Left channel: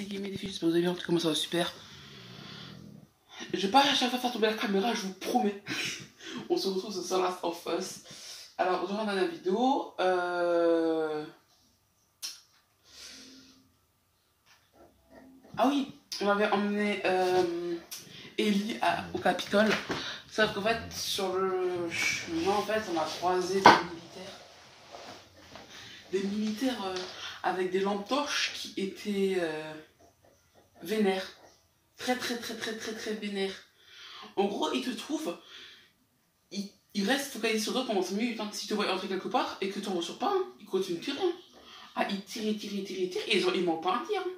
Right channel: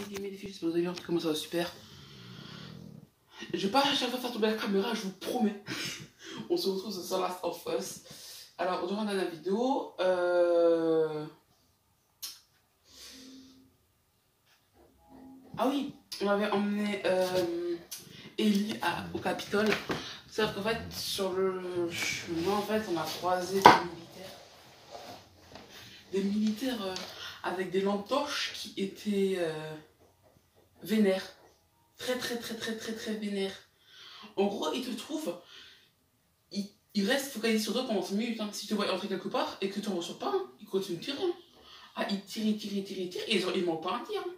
c'est Gaming Défi, j'espère que vous allez bien, comment ça va super. Je vais pas à chaque fois faire tomber la caméra, je vous promets. On se retrouve sur Last of Us. Alors, aujourd'hui, dans la vidéo, ah oui, on avait emmené Ellie au Capitole. Sauf qu'en fait, sur le chemin, en fait, on a croisé des militaires avec des lampes torches qui étaient vénères. Très vénères. En gros, ils te trouvent, ils restent focalisés sur toi pendant 5 minutes. Hein. Si tu te vois entrer quelque part et que tu n'en ressors pas, hein, ils continuent de tirer. Hein. Ah, ils tirent, et ils manquent pas un tir. Hein.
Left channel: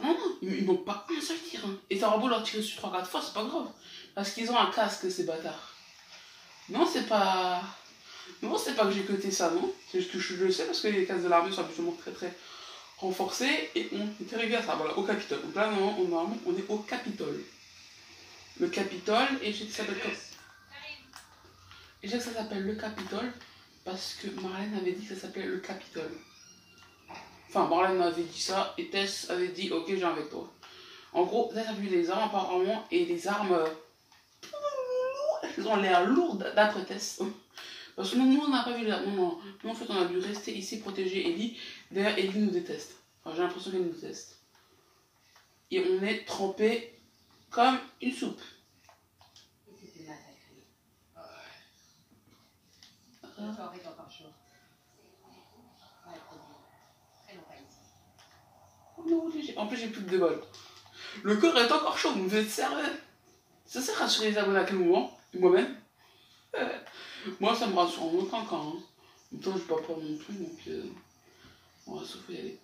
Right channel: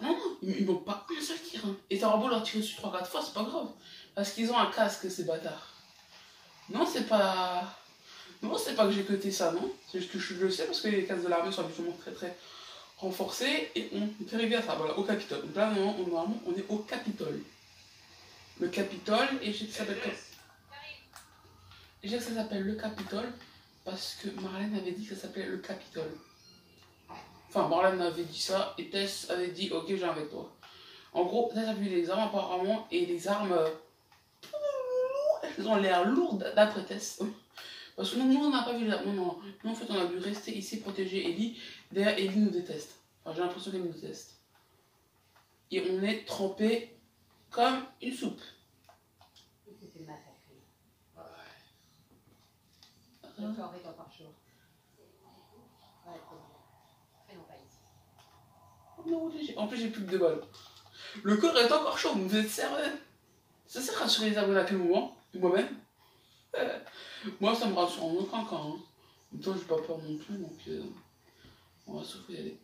Non, ils manquent pas un seul tir. Hein. Et t'auras beau leur tirer sur 3-4 fois, c'est pas grave. Parce qu'ils ont un casque, ces bâtards. Non, c'est pas que j'ai coté ça, non. C'est juste que je le sais parce que les casques de l'armée sont habituellement très renforcés et on est arrivé à ça, voilà, au Capitole. Donc là, normalement, on est au Capitole. Le Capitole, et je sais que ça s'appelle comme... Et je sais que ça s'appelle le Capitole parce que Marlène avait dit que ça s'appelait le Capitole. Enfin, Marlène avait dit ça et Tess avait dit ok, j'ai avec toi. En gros, Tess a vu les armes apparemment et les armes elles ont l'air lourdes d'après Tess. Parce que nous on n'a pas vu les armes. Non. Nous en fait on a dû rester ici protéger Ellie. D'ailleurs Ellie nous déteste. Enfin, j'ai l'impression qu'elle nous déteste. Et on est trempé comme une soupe. C'était massacré. Ouais. Encore chaud. Ouais, très non pas ici. En plus j'ai plus que 2 balles. Le corps est encore chaud, vous êtes sérieux? Ça sert à rassurer les abonnés à quel moment? Moi-même. Moi ça me rassure en aucun cas. Hein. En même temps j'ai pas peur non plus, donc on va sauf y aller.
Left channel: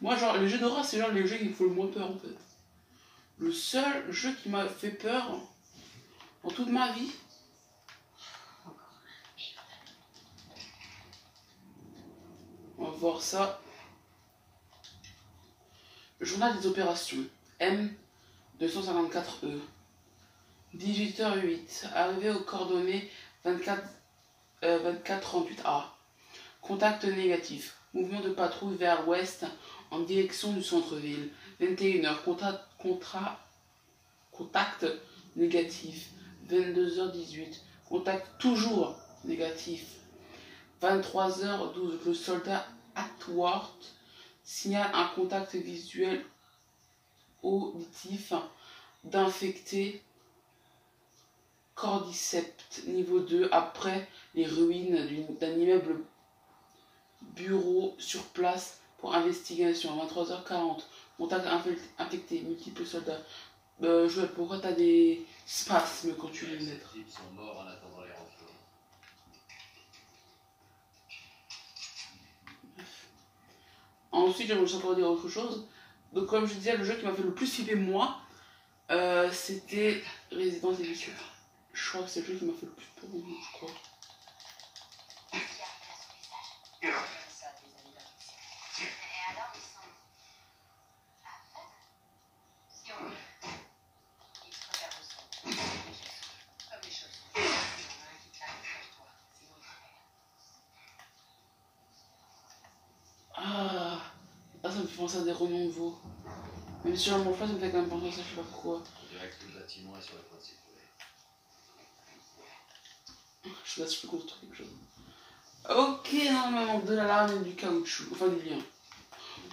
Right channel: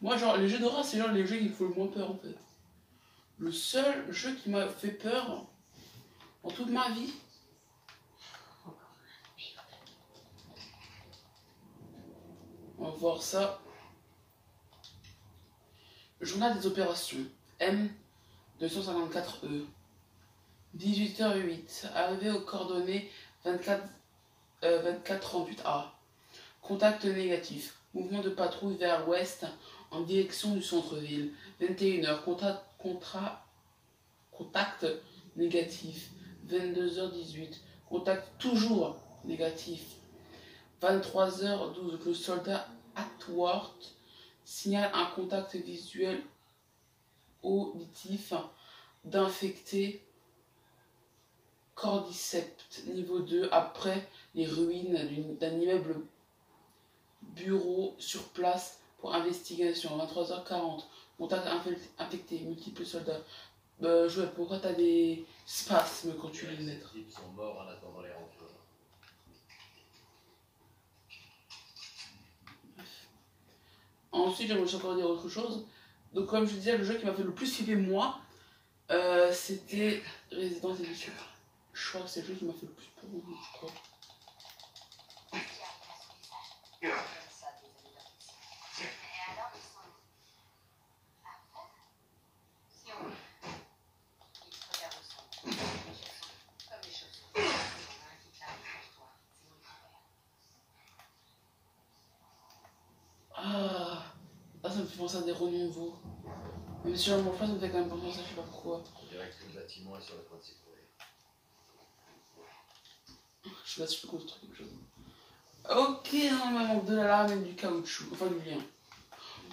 Moi genre les jeux d'horreur c'est genre les jeux qui me font le moins peur en fait. Le seul jeu qui m'a fait peur en toute ma vie. On va voir ça. Journal des opérations. M254E. 18h08. Arrivé aux coordonnées 2438A. Contact négatif. Mouvement de patrouille vers l'ouest en direction du centre-ville. 21h. Contact négatif. 22h18. Contact toujours négatif. 23h12. Le soldat Atworth signale un contact visuel auditif d'infecté cordyceps niveau 2 après les ruines d'un immeuble bureau sur place pour investigation. 23h40. Contact infecté, multiples soldats. Joël, pourquoi t'as des spasmes quand tu les mettre? Les types sont morts en attendant les renforts. Ensuite, j'aimerais encore dire autre chose. Donc, comme je disais, le jeu qui m'a fait le plus flipper moi, c'était Resident Evil. Je crois que c'est le jeu qui m'a fait le plus peur, je crois. Ah, ça me fait penser à des romans nouveaux. Même si j'en mange pas, ça me fait quand même penser à ça, je sais pas pourquoi. On dirait que le bâtiment est sur le point de s'écrouler. Je sais pas si je peux construire quelque chose. Ok, normalement, de l'alarme et du caoutchouc, enfin du lien.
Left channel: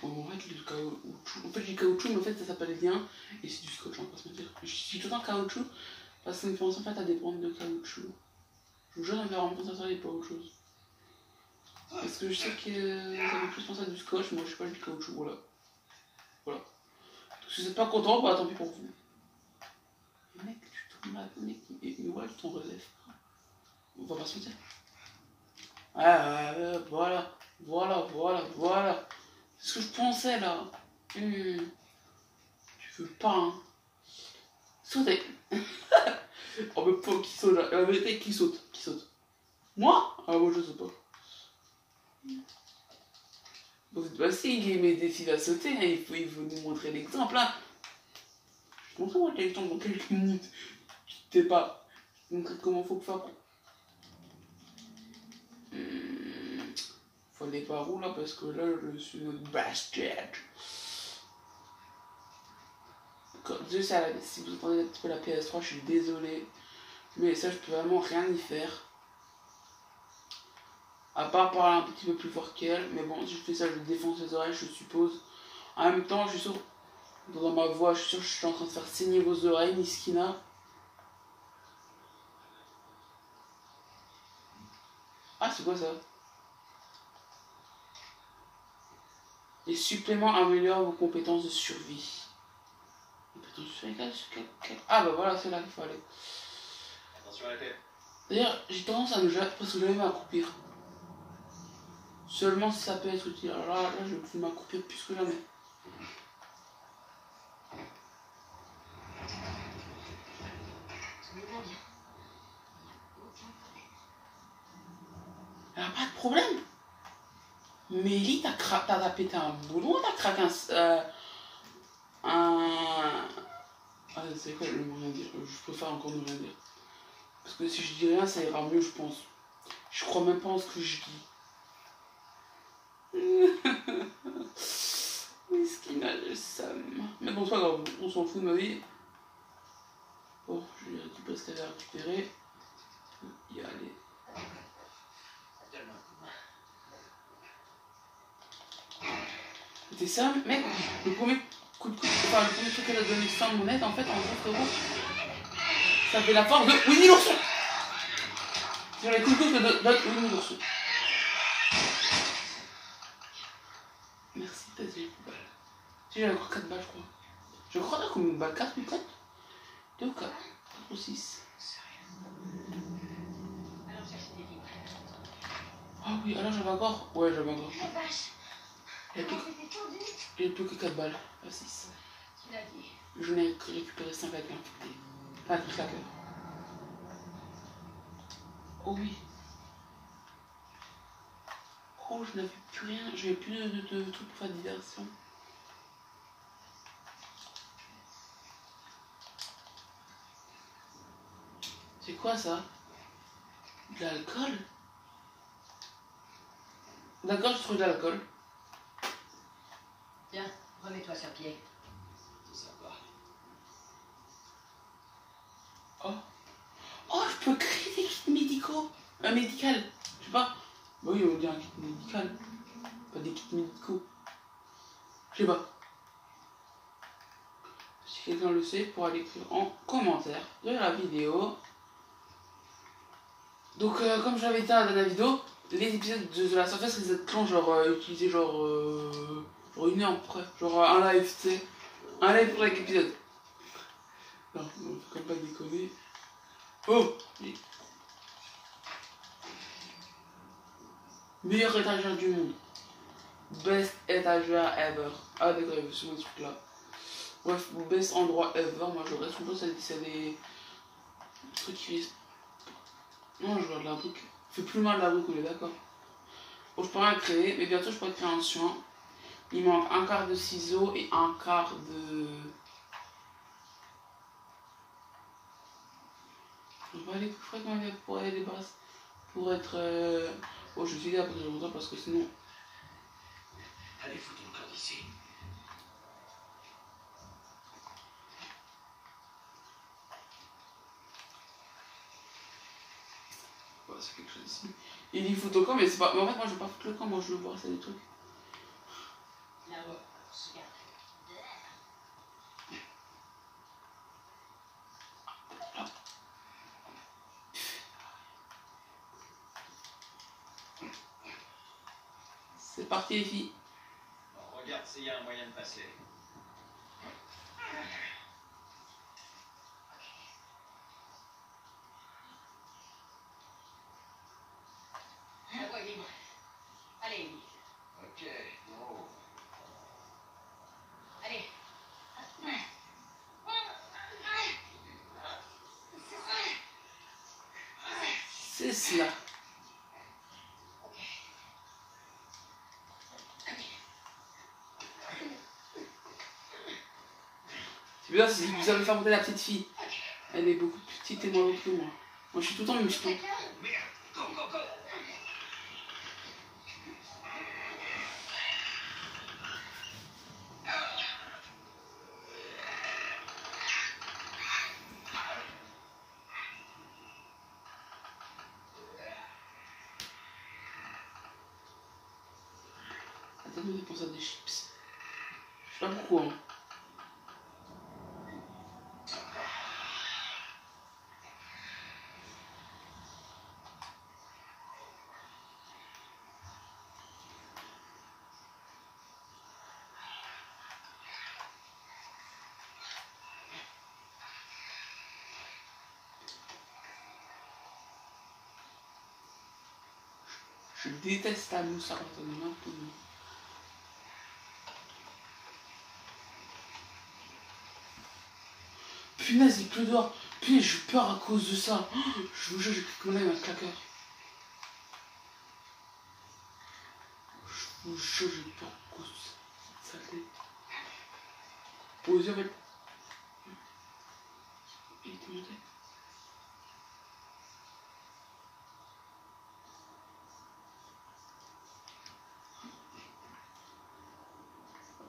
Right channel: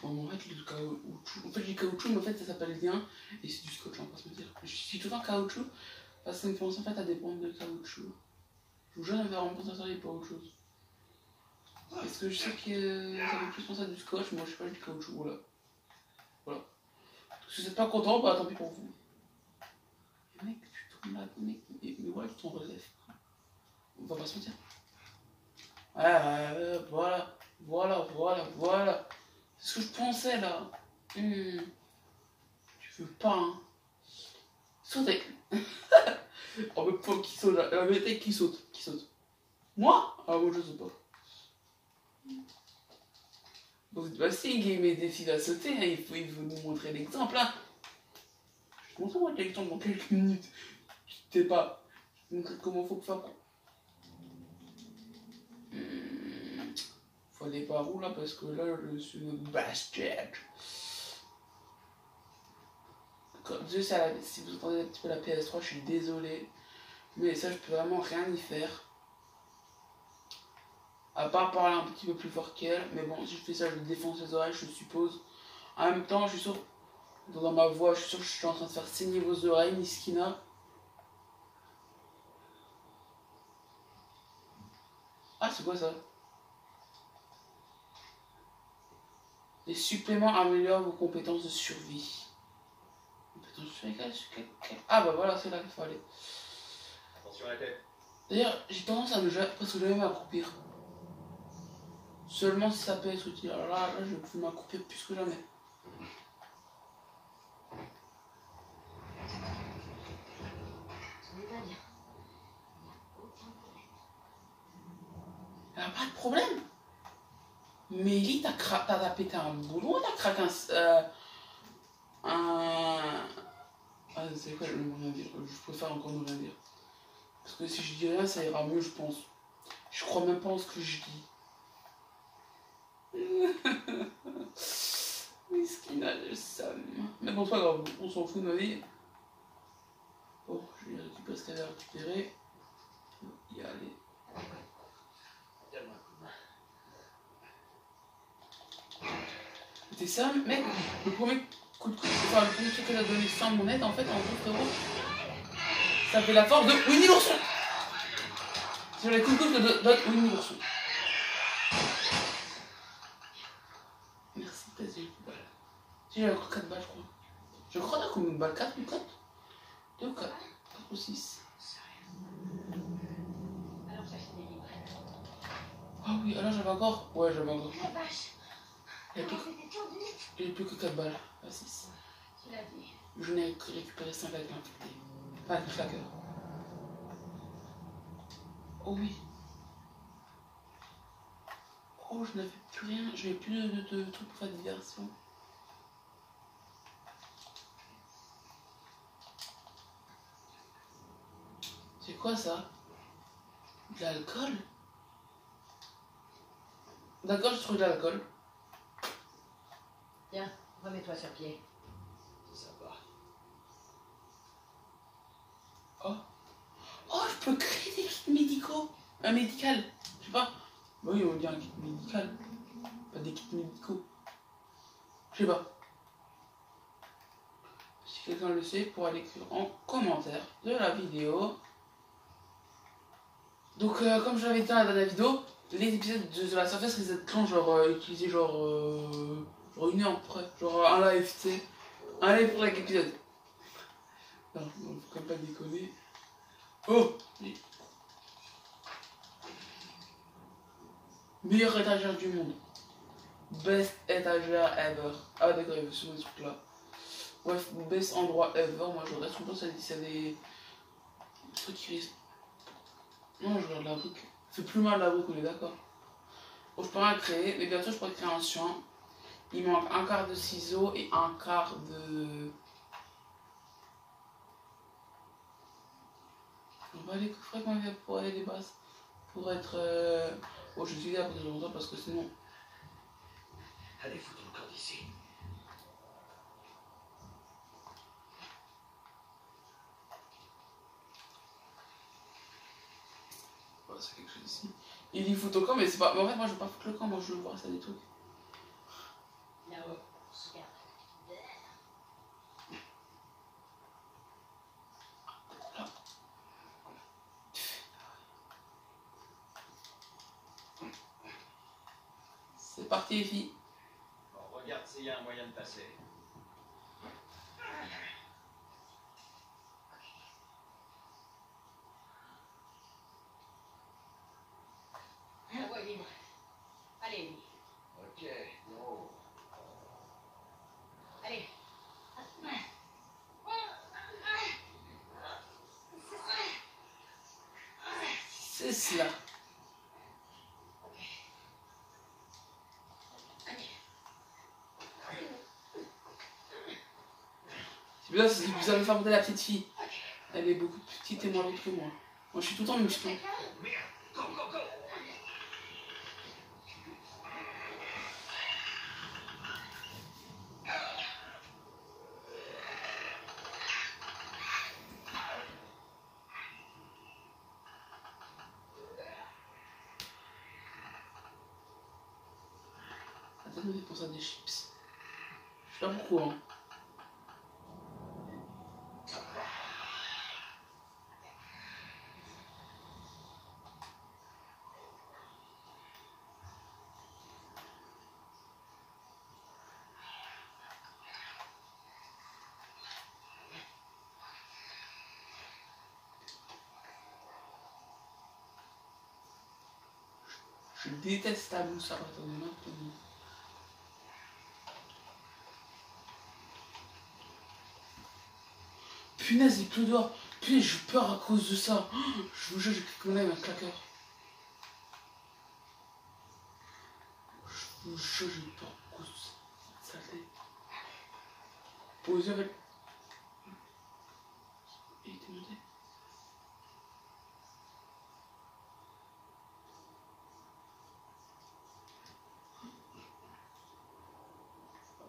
En fait, du caoutchouc. En fait, du caoutchouc, mais en fait, ça s'appelle lien et c'est du scotch, on va pas se mentir. Je suis tout le temps caoutchouc parce que ça me pense en fait à des bandes de caoutchouc. Je vous jure, ça me fait vraiment penser à ça et pas autre chose. Parce que je sais que ça fait plus penser à du scotch, moi je sais pas, du caoutchouc, voilà. Voilà. Si vous êtes pas content, bah tant pis pour vous. Mais mec, tu tournes là, mec, mais voilà, tu t'en relèves. On va pas se mentir. Voilà. C'est ce que je pensais là. Tu veux pas, hein. Sautez. Oh, mais pas qui saute là. La vérité, qui saute? Moi? Ah, moi je saute pas. Bah si, Gaming Défi va sauter, hein, il faut nous montrer l'exemple là. Je te montre moi l'exemple dans quelques minutes. Je sais pas. Je te montrer comment faut faire. Faut aller par où là parce que là je suis notre basket. Dieu sait, si vous entendez un petit peu la PS3, je suis désolée. Mais ça, je peux vraiment rien y faire. À part parler un petit peu plus fort qu'elle. Mais bon, si je fais ça, je défonce les oreilles, je suppose. En même temps, je suis sûr, dans ma voix, je suis sûr que je suis en train de faire saigner vos oreilles, Miskina. Ah, c'est quoi ça? Les suppléments améliorent vos compétences de survie. Ah bah voilà, c'est là qu'il faut aller. Attention à la tête. D'ailleurs, j'ai tendance à ne presque jamais m'accroupir. Seulement si ça peut être utile. Alors là, je vais plus m'accroupir plus que jamais. Elle a pas de problème. Mélie, t'as pété un boulon, t'as craqué Ah, c'est quoi, je ne veux rien dire. Je préfère encore ne rien dire. Parce que si je dis rien, ça ira mieux, je pense. Je crois même pas en ce que je dis. Miskina, le Sam. Mais bon, c'est pas grave, on s'en fout de ma vie. Bon, je vais récupérer ce qu'elle a récupéré. Y aller. C'était ça, mec, le premier coup de enfin, le premier truc qu'elle a donné sans monnaie, en fait, en gros, frérot, ça fait la force de Winnie l'ourson. Sur les coups de coude que donne Winnie l'ourson. Merci, peut-être j'ai eu une balle. Si j'ai encore 4 balles, je crois. Je crois qu'on a combien de balles? 4 ou 4? 2 ou 4? 4 ou 6. Alors chercher des livres. Ah oui, alors j'avais encore. Ouais, j'avais encore. La vache. Il n'y a plus que 4 balles. Pas 6. Tu l'as dit. Je n'ai récupéré 5 avec un côté. Pas avec claqueur. Oh oui. Oh, je n'avais plus rien. Je n'avais plus de trucs pour faire diversion. C'est quoi ça? De l'alcool? D'accord, je trouve de l'alcool. Tiens, remets-toi sur pied. C'est sympa. Oh. Oh, je peux créer des kits médicaux. Un médical. Je sais pas. Bah oui, on dit un kit médical. Pas des kits médicaux. Je sais pas. Si quelqu'un le sait, pour aller écrire en commentaire de la vidéo. Donc, comme je l'avais dit dans la dernière vidéo, les épisodes de la Surface risquent d'être longs, genre utilisés genre 1 heure près. Genre un live, tu sais. Un live pour chaque épisode. Non, faut quand même pas déconner. Oh! Meilleur étagère du monde. Best étagère ever. Ah d'accord, il y avait ce truc là. Bref, best endroit ever. Moi je reste toujours, c'est des trucs qui risquent. Non, je regarde la brique. Fait plus mal la brique, on est d'accord. Bon, je pourrais en créer, mais bientôt je pourrais créer un chien. Il manque un quart de ciseaux et un quart de. On va aller coffrer quand même pour aller les bases. Pour être. Oh, je suis là pour longtemps parce que sinon. Allez, fous ton corps d'ici. Ouais, c'est quelque chose ici. Il dit fout au camp, mais c'est pas. Mais en fait, moi je veux pas foutre le camp, moi je veux voir ça des trucs. Là-haut, C'est parti les filles. Bon, regarde s'il y a un moyen de passer. la voie est libre. Allez, Ellie. Ok, non. Allez. C'est cela. C'est bien si vous avez fait monter la petite fille. Elle est beaucoup plus petite et moins haute que moi. Moi je suis tout le temps musclé. Merde, go, go, go. me fait penser à des chips. Je sais pas pourquoi. Hein. Je déteste la mousse à partir de maintenant. Punaise, il pleut dehors. Punaise, j'ai peur à cause de ça. Je vous jure, j'ai cru qu'on avait un claqueur. Je vous jure, j'ai peur à cause de ça. Saleté. Posez avec. Il était monté.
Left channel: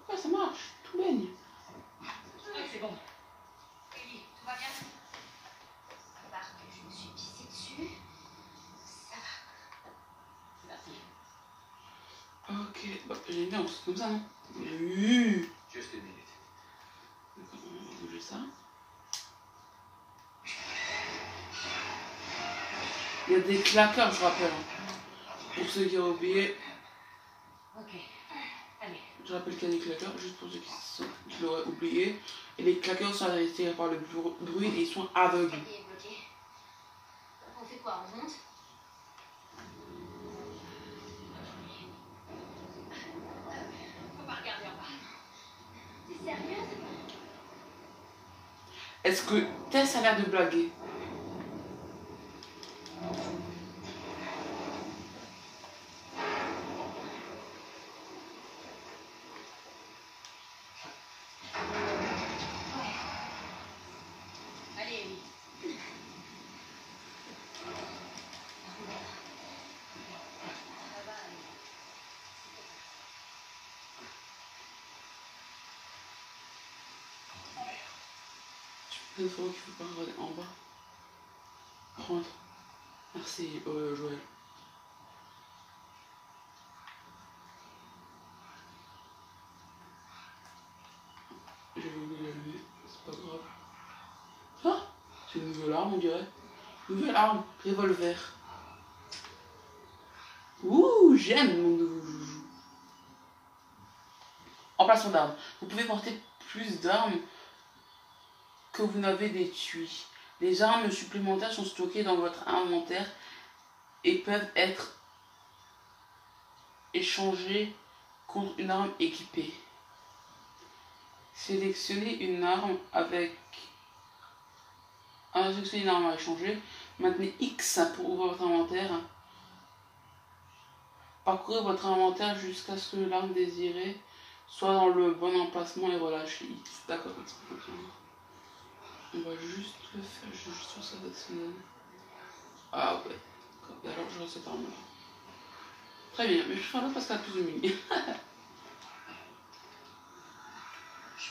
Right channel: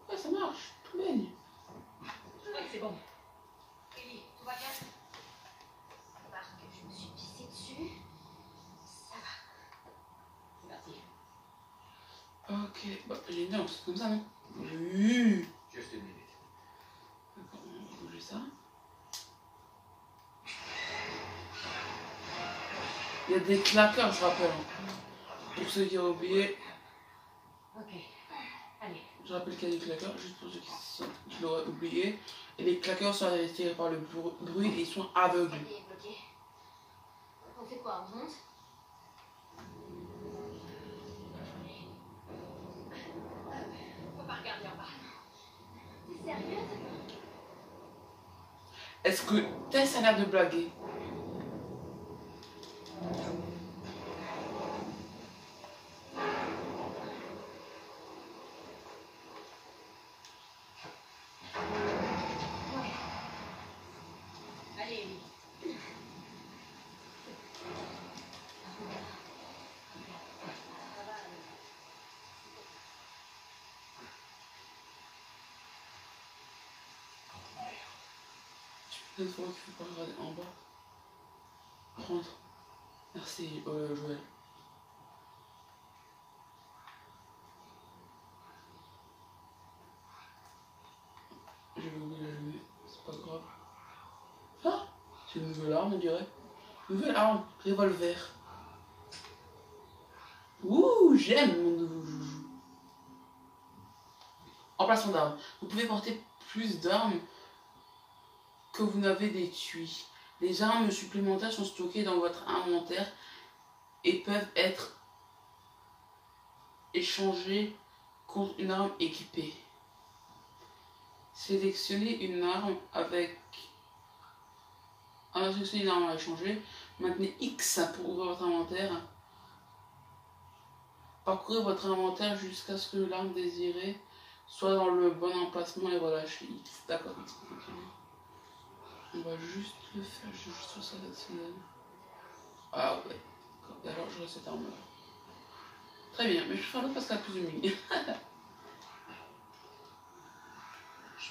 Ouais, ça marche. Tout baigne. Oui, c'est bon. Ellie, tout va bien? À part que je me suis pissée dessus, ça va. Merci. Ok, bah génial, c'est comme ça, non? Oui. Juste une minute. D'accord, on va bouger ça. Il y a des claqueurs, je rappelle. Hein. Pour ceux qui ont oublié, Ok. Allez. je rappelle qu'il y a des claqueurs, juste pour ceux qui l'auraient oublié. Et les claqueurs sont attirés par le bruit et ils sont aveugles. Ça est bloqué. On fait quoi? On monte? Faut pas regarder en bas. T'es sérieuse? Est-ce que Tess a l'air de blaguer? Allez, Ellie. Une fois qu'il faut pas regarder en bas. Rentre. Merci, Joël. J'avais oublié d'allumer, c'est pas grave. Ah, c'est une nouvelle arme, on dirait. Nouvelle arme, revolver. Ouh, j'aime mon nouveau joujou. Emplacement d'armes. Vous pouvez porter plus d'armes que vous n'avez d'étui. Les armes supplémentaires sont stockées dans votre inventaire et peuvent être échangées contre une arme équipée. Sélectionnez une arme avec sélectionnez une arme à échanger. Maintenez X pour ouvrir votre inventaire. Parcourez votre inventaire jusqu'à ce que l'arme désirée soit dans le bon emplacement et relâchez X. D'accord, on va juste le faire, je vais juste faire ça d'actionner. Ah ouais, et alors j'aurai cette arme là. Très bien, mais je ferai l'autre parce qu'elle a plus de muni. Je vais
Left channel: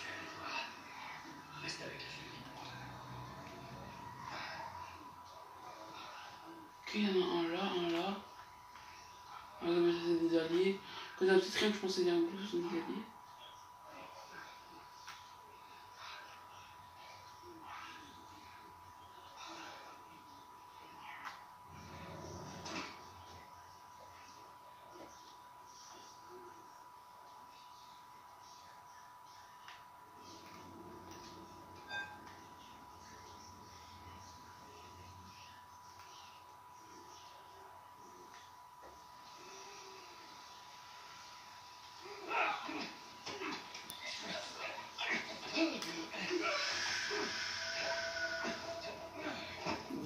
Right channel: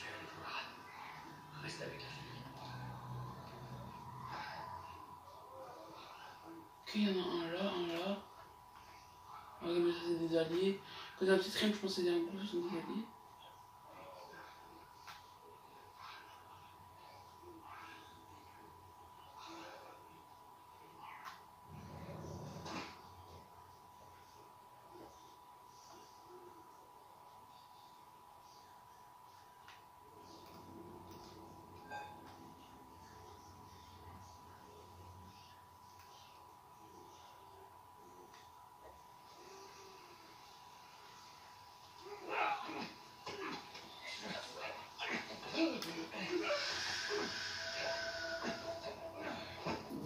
aller voir. Reste avec la famille. Ok, il y en a un là, un là. On va mettre des alliés. Quand il y a un petit triangle, je pense que c'est un gros, ce sont des alliés.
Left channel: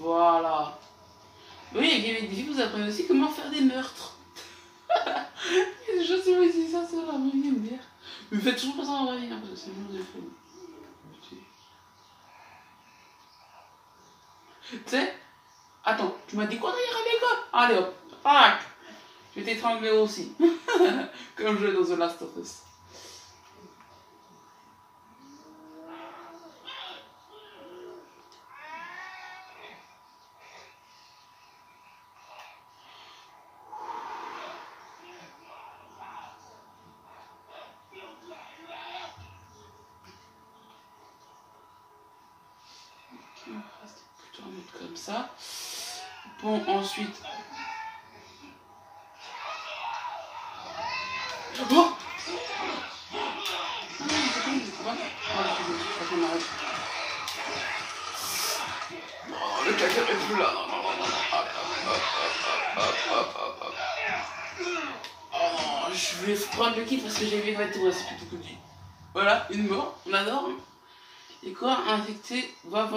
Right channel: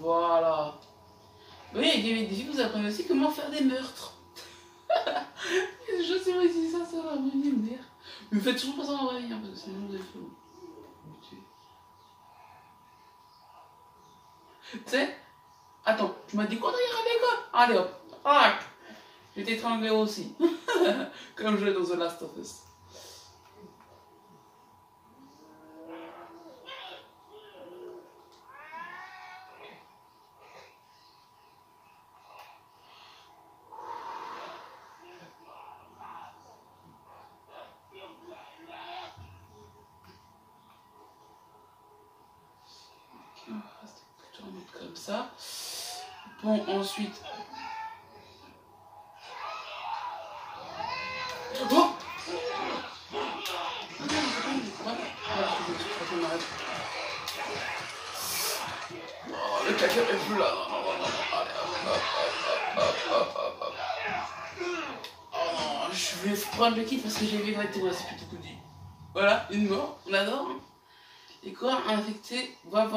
Voilà. Oui, avec Game Défi, vous apprenez aussi comment faire des meurtres. Je sais pas si ça, c'est la vraie vie, merde. Mais faites toujours pas ça en vrai, hein, parce que sinon vous allez faire. Tu sais, attends, tu m'as dit quoi derrière l'école? Allez hop, tac. Je vais t'étrangler aussi. Comme je vais dans The Last of Us. ça. Bon, ensuite... Oh! Non, le claqueur est plus là. Non, non, non, non. Allez, hop. Oh non, je vais prendre le kit parce que j'ai vu effectivement, c'est plutôt cool. Voilà, une mort, on adore. Hein. Et corps infecté voit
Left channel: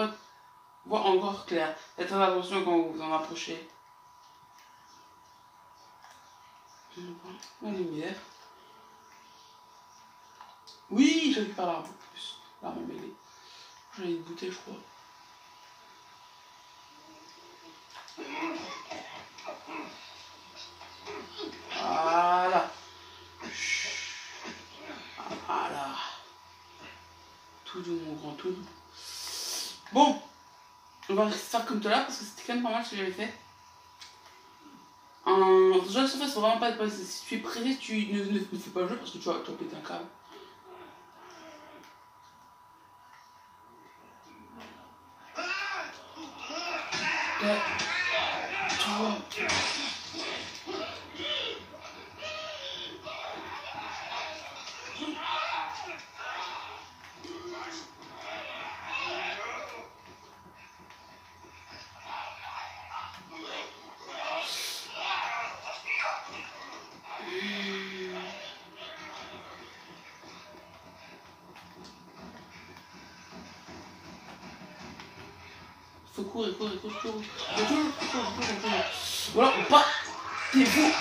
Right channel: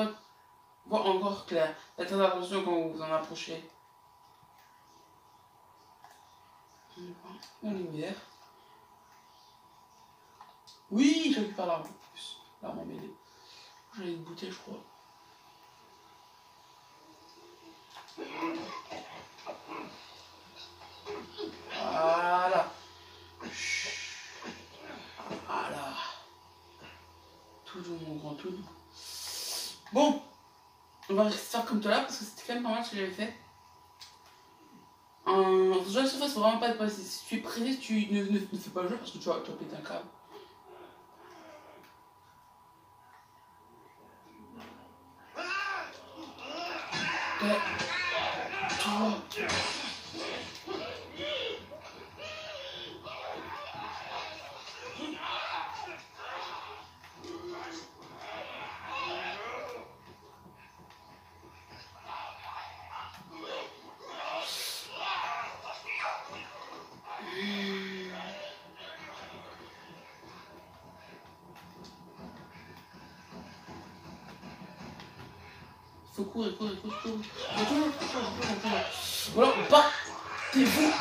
encore clair. Faites très attention quand vous vous en approchez. La lumière. Oui, j'ai vu par l'arme en plus. L'arme emmêlée. J'en ai une bouteille, je crois. Voilà. Voilà. Tout doux, mon grand, tout doux. Bon, on va faire comme tout là parce que c'était quand même pas mal ce que j'avais fait. Ce genre de surface, faut vraiment pas être pressé. Si tu es pressé, tu ne fais pas le jeu parce que tu vas péter un câble. Faut courir. Voilà, battez-vous.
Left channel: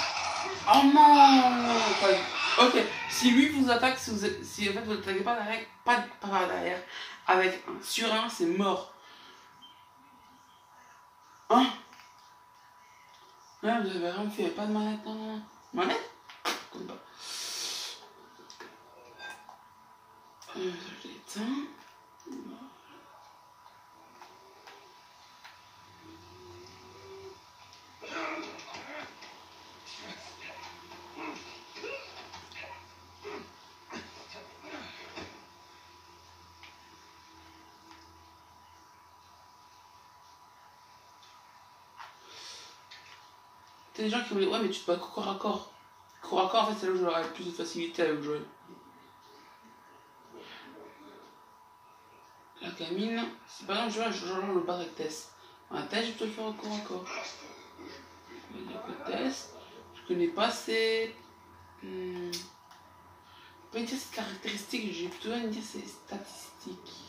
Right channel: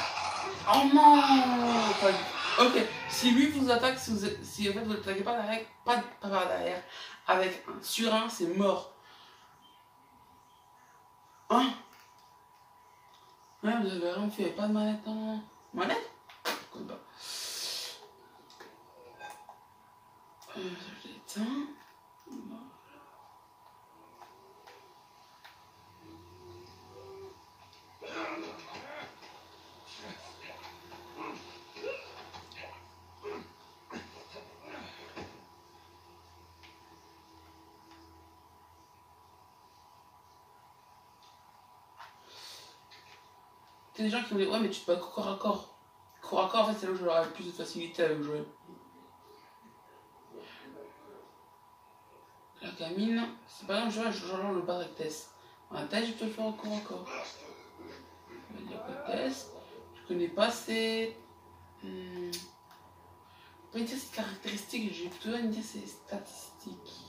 Oh non. Ok, si lui vous attaque, si en fait vous n'attaquez pas derrière, pas par derrière, avec un sur un, c'est mort. Hein? Ouais, vous avez rien fait, pas de manette, non. Manette? Comme pas. Je l'éteins. T'as des gens qui vont dire ouais mais tu te bats corps à corps. Corps à corps en fait c'est là où j'aurai plus de facilité avec Joël. La gamine, c'est par exemple Joël le bat avec Tess. Un Tess je peux le faire au corps à corps. Je vais dire que Tess, je connais pas ses... pas dire ses caractéristiques, j'ai plutôt envie de dire ses statistiques.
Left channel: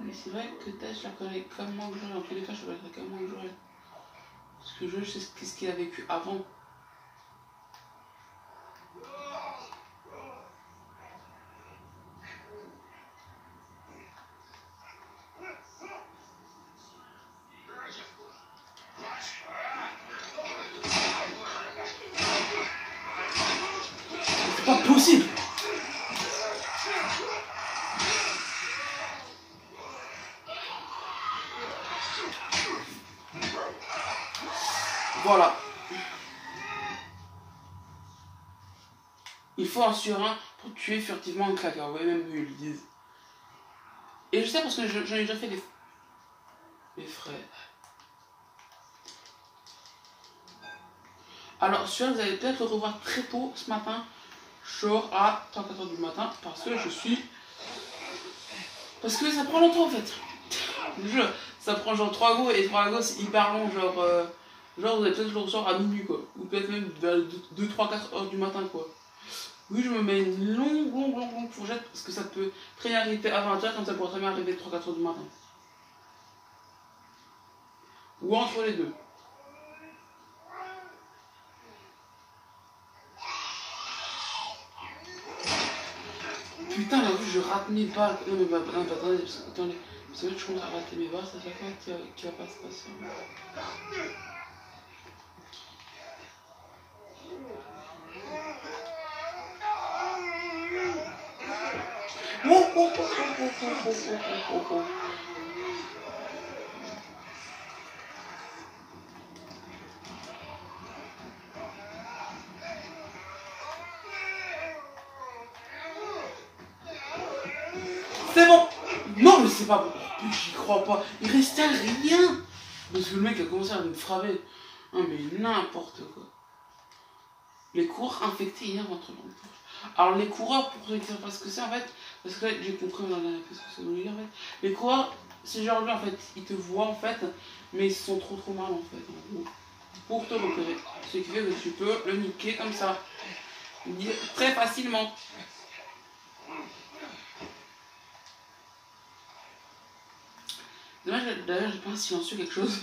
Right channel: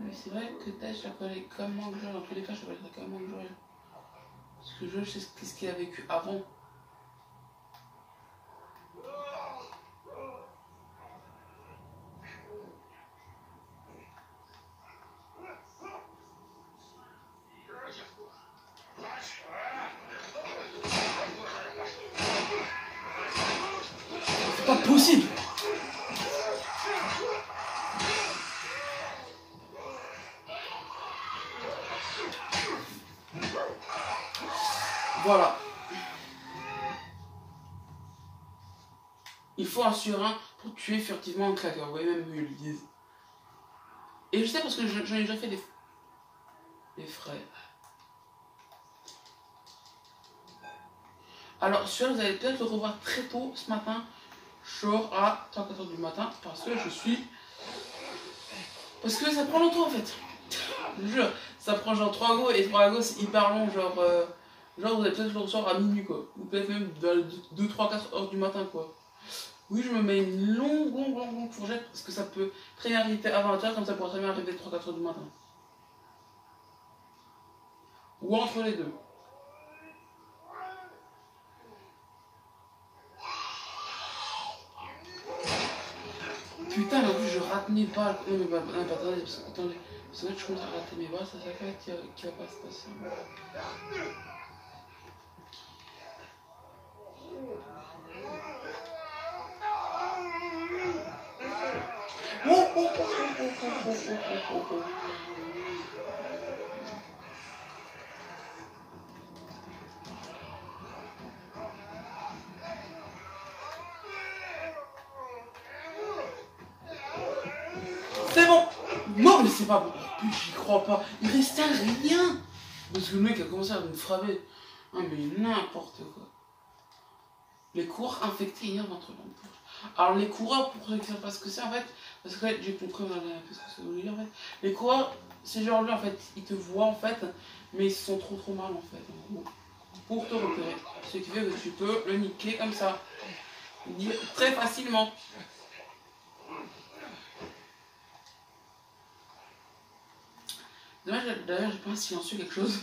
Mais c'est vrai que Tess je la connais comme moi que Joël, en tous les cas je la connais comme moi que Joël. Parce que Joël, je sais ce qu'il a vécu avant. C'est pas possible! Voilà. Il faut un sur un pour tuer furtivement un claqueur. Vous voyez même eux ils le disent. Et je sais parce que j'en ai déjà fait des frais. Alors celui-là vous allez peut-être le revoir très tôt ce matin. Genre à 3-4h du matin. Parce que parce que ça prend longtemps en fait. Je vous jure. Ça prend genre 3 go et 3 go c'est hyper long. Genre vous allez peut-être le recevoir à minuit quoi. Ou peut-être même vers 2-3-4h du matin quoi. Oui, je me mets une longue fourchette parce que ça peut très bien arriver à 20h comme ça pourrait très bien arriver 3-4h du matin. Ou entre les deux. Putain, mais en plus je rate mes balles. Non, mais attendez, parce que je commence à rater mes balles, ça fait quoi qui va pas se passer. C'est bon. Non mais c'est pas bon. J'y crois pas. Il restait rien. Parce que le mec a commencé à me frapper. Ah, mais n'importe quoi. Les coureurs infectés hier entre l'emploi. Alors les coureurs, pour ceux qui savent pas ce que c'est en fait, parce que là j'ai compris dans la ce que ça veut dire en fait. Les coureurs, c'est genre lui en fait, ils te voient en fait, mais ils sont trop mal en fait, en gros. Pour te repérer. Ce qui fait que tu peux le niquer comme ça. Très facilement. Dommage, d'ailleurs j'ai pas un silencieux quelque chose.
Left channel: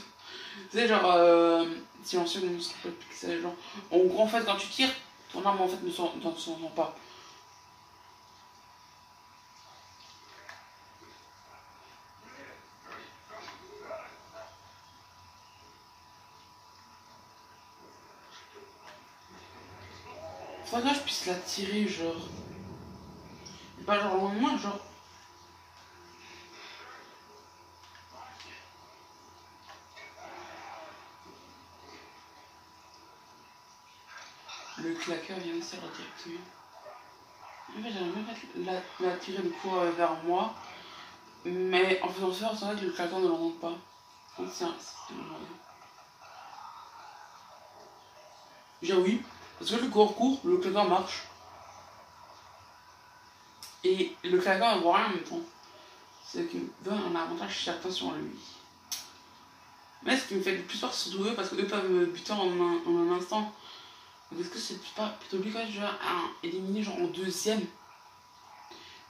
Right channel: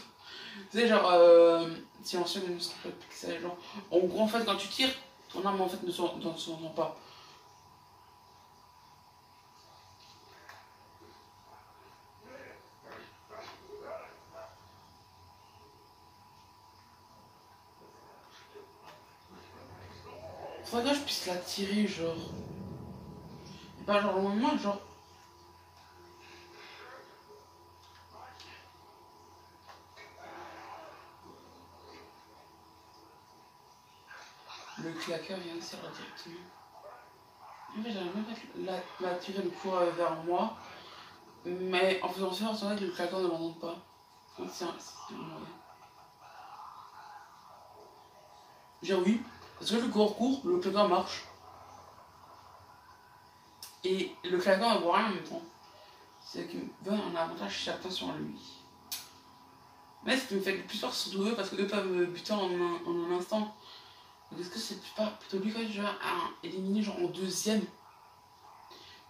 Tu sais genre silencieux comme ce qu'on peut pixel genre. En gros en fait quand tu tires, ton arme en fait ne s'entend pas. Faudrait que je puisse la tirer genre. Et pas genre loin, genre. Le claqueur vient de servir directement. En fait, j'aimerais bien la tirer le coup vers moi. Mais en faisant ça, c'est vrai que le claqueur ne l'entende pas. C'est un moyen. J'ai oui. Parce que le corps court, le claqueur marche. Et le claqueur ne voit rien en même temps. C'est ce qui me donne un avantage certain sur lui. Mais ce qui me fait le plus peur, c'est surtout eux, parce qu'eux peuvent me buter en un instant. Donc est-ce que c'est pas plutôt lui quand je vais éliminer genre en deuxième?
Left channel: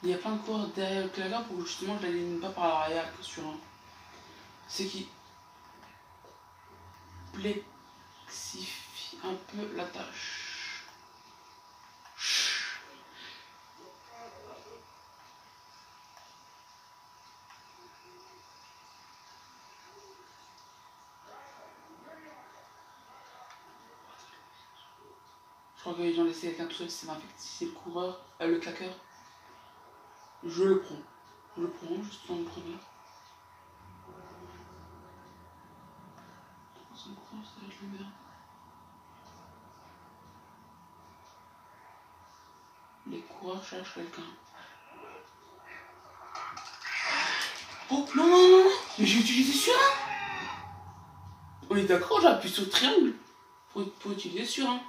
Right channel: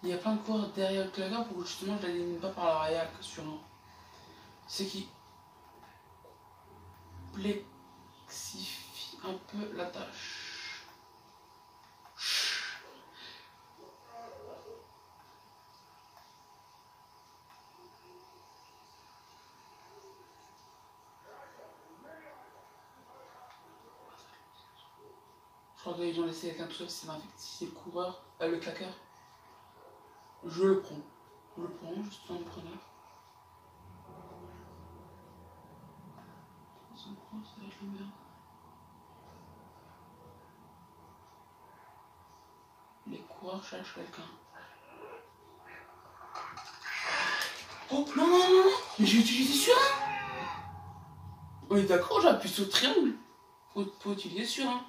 Il y a plein de coureurs derrière le claqueur pour que justement je l'élimine pas par l'arrière que sur un. C'est qui complexifie un peu la tâche. Je crois qu'ils ont laissé quelqu'un tout seul, c'est le coureur, le claqueur. Je le prends. Je le prends juste en premier. Ça va être le meilleur. Les coureurs cherchent quelqu'un. Oh non. Mais j'ai utilisé sur un. On est d'accord, j'appuie sur le triangle pour utiliser sur un.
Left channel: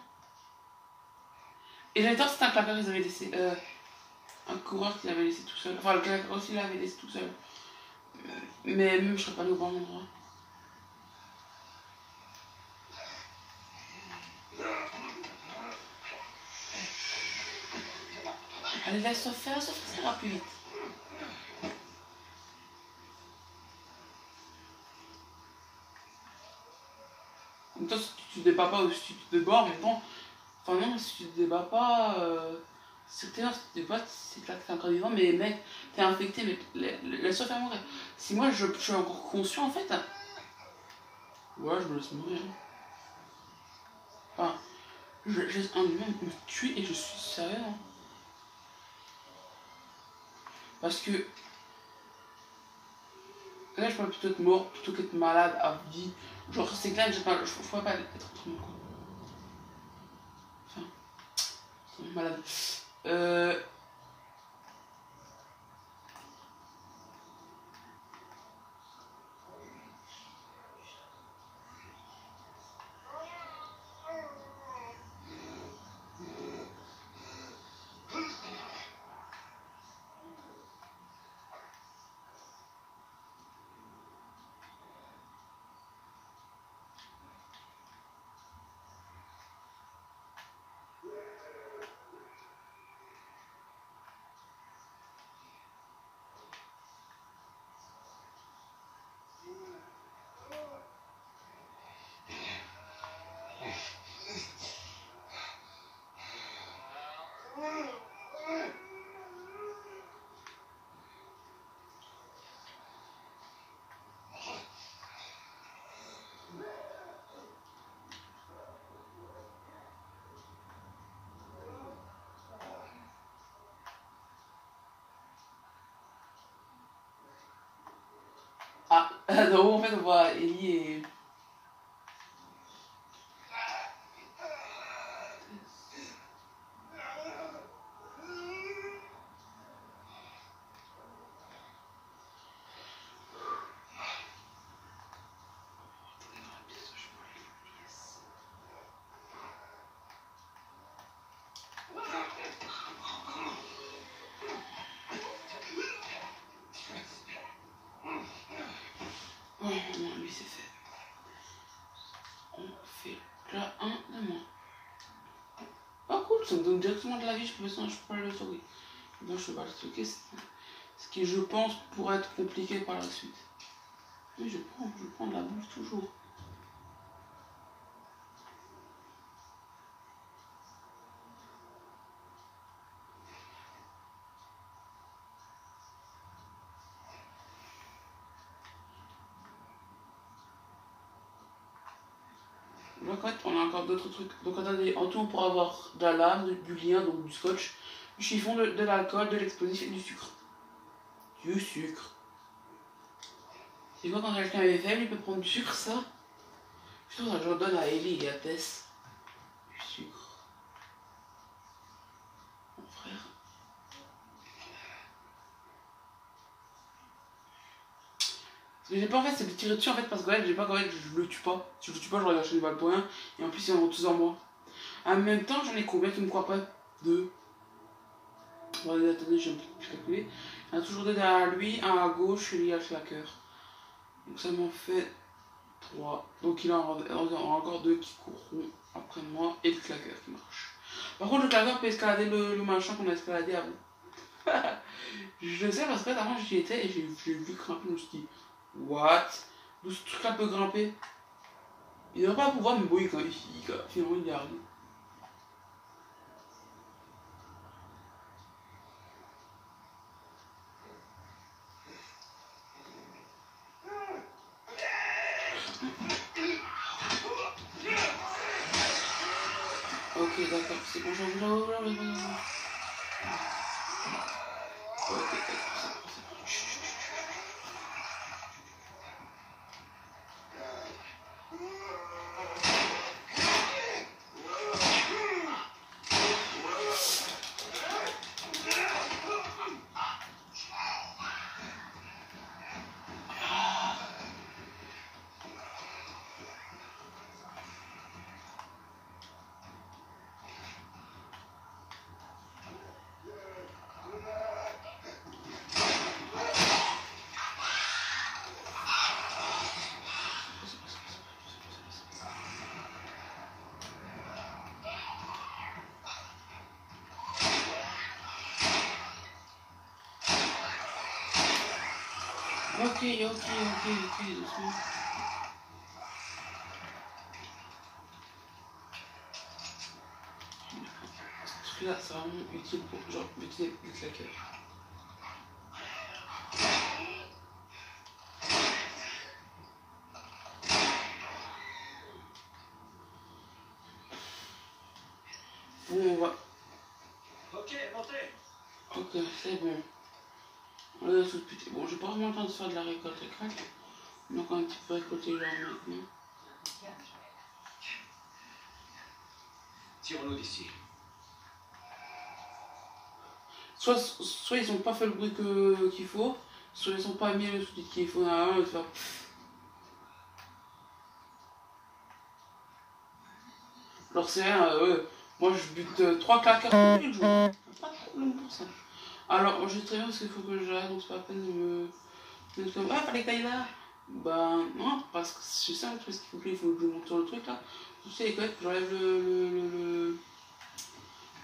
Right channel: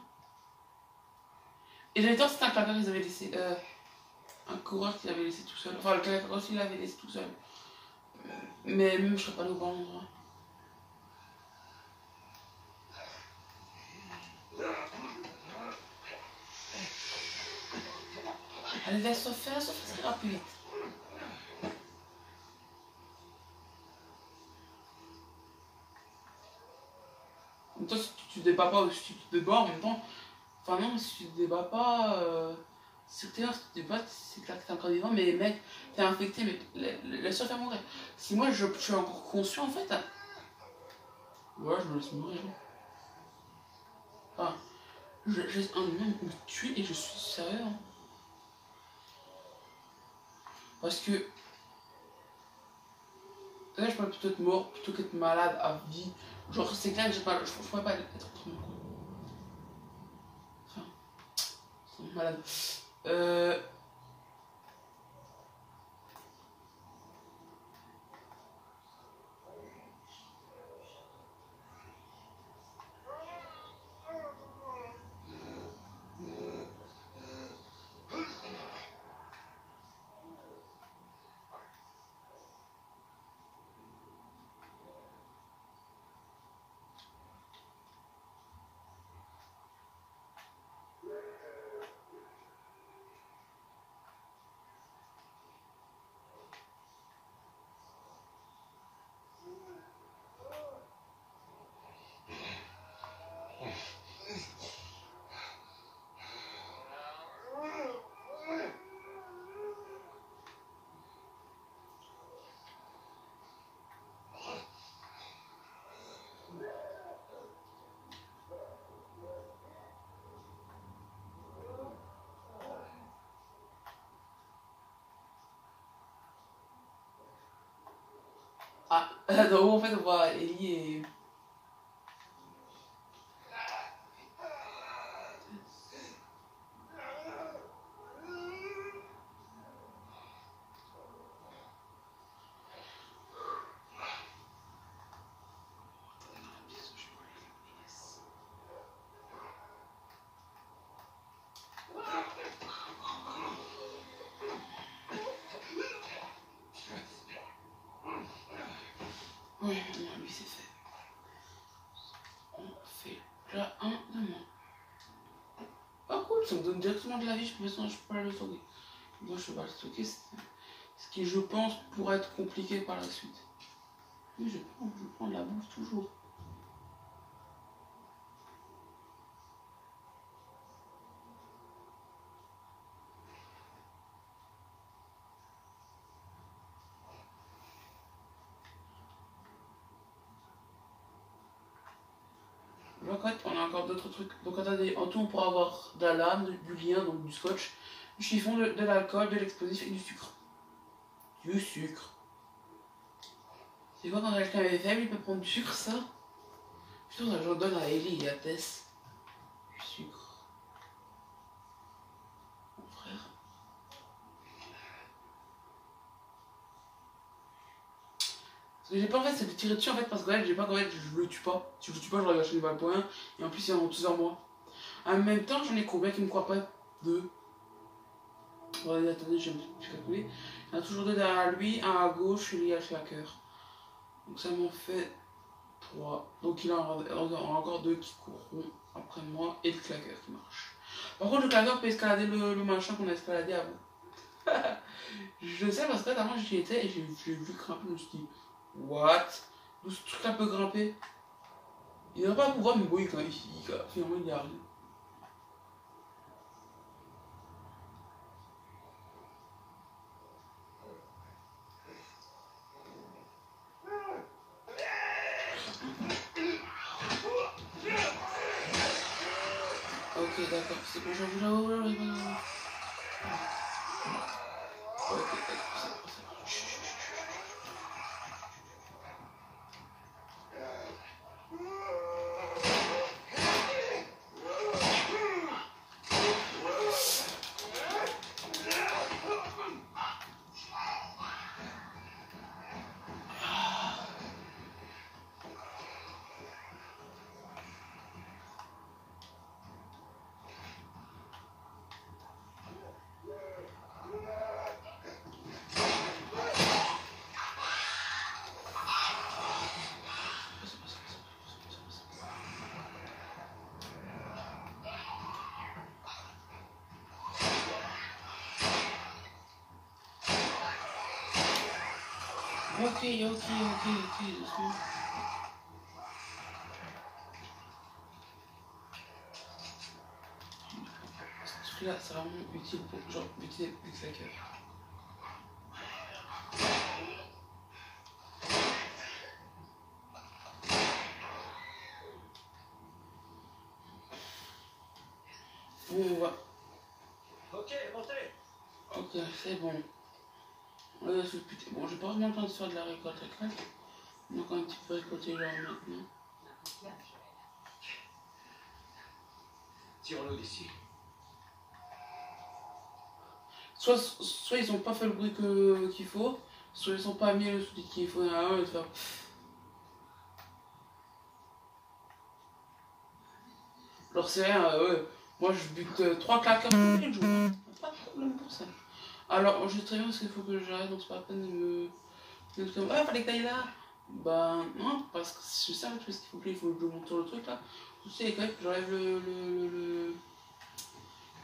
Et j'avais tort, c'était un claqueur qu'ils avaient laissé. Un coureur qu'ils avaient laissé tout seul. Enfin, le claqueur aussi l'avait laissé tout seul. Mais même, je serais pas allé au bon endroit. Allez, laisse-le faire, ça ira plus vite. En même temps, si tu te débats pas ou si tu te débats en même temps. Enfin, non, si tu te débats pas. Si tu te débats, c'est clair que t'es encore vivant, mais mec, t'es infecté, mais laisse-le faire mourir. Si moi je suis encore conscient en fait. Ouais, je me laisse mourir. Enfin, un humain me tue et je suis sérieux. Hein. Parce que là, je pourrais plutôt être mort plutôt qu'être malade à vie. Genre, c'est clair que je pourrais pas être autrement. Enfin, c'est malade. Ah, donc en fait, on voit Ellie et. donne directement de la vie, je peux pas le stocker. Donc je vais pas le stocker, ce qui je pense pourrait être compliqué par la suite. Oui, je prends de la bouffe toujours. Donc en fait, on a encore d'autres trucs. Donc attendez, en tout on pourra avoir de la lame, du lien, donc du scotch, du chiffon, de l'alcool, de l'explosif et du sucre. Du sucre. C'est quoi quand quelqu'un est faible, il peut prendre du sucre, ça? Putain, ça je le donne à Ellie et à Tess. Du sucre. Mon frère. Ce que j'ai pas en fait, c'est de tirer dessus en fait, parce que là, j'ai pas qu'en fait, je le tue pas. Si je le tue pas, je regarde chez les balles pour rien. Et en plus, ils en ont tous en moi. En même temps, j'en ai combien qui me croient pas? Deux. Bon, attendez, j'ai un peu plus calculé. Il y en a toujours deux derrière lui, un à gauche et lui à Slacker. Donc ça m'en fait 3. Donc il en aura encore 2 qui courront après moi et le claqueur qui marche. Par contre, le claqueur peut escalader le machin qu'on a escaladé avant. Je sais parce que avant j'y étais et j'ai vu grimper, je me suis dit, what? D'où ce truc là peut grimper? Il n'a pas à pouvoir, mais bon, finalement il y arrive. Ok, d'accord, c'est bon, j'en veux là, ok, c'est bon. Ok, doucement. Ce truc-là, c'est vraiment utile pour genre utiliser les claqueurs. Bon, on va. Ok, montez. Ok, c'est bon. On a tout putain. Bon, j'ai pas vraiment le temps de faire de la récolte récolte. On a quand même un petit peu récolté genre maintenant. Tirons-nous d'ici. Soit ils ont pas fait le bruit qu'il faut, soit ils ont pas mis le sous-titre qu'il faut derrière et faire. Alors c'est rien, ouais. Moi je bute 3 claqueurs tous les jours. Pas de problème pour ça. Alors je sais très bien parce qu'il faut que j'arrête, donc c'est pas la peine de me mettre comme. Ah, fallait que t'ailles là. Ben non, parce que c'est ça, parce qu'il faut que je monte sur le truc là. Tu sais, quand même, j'enlève le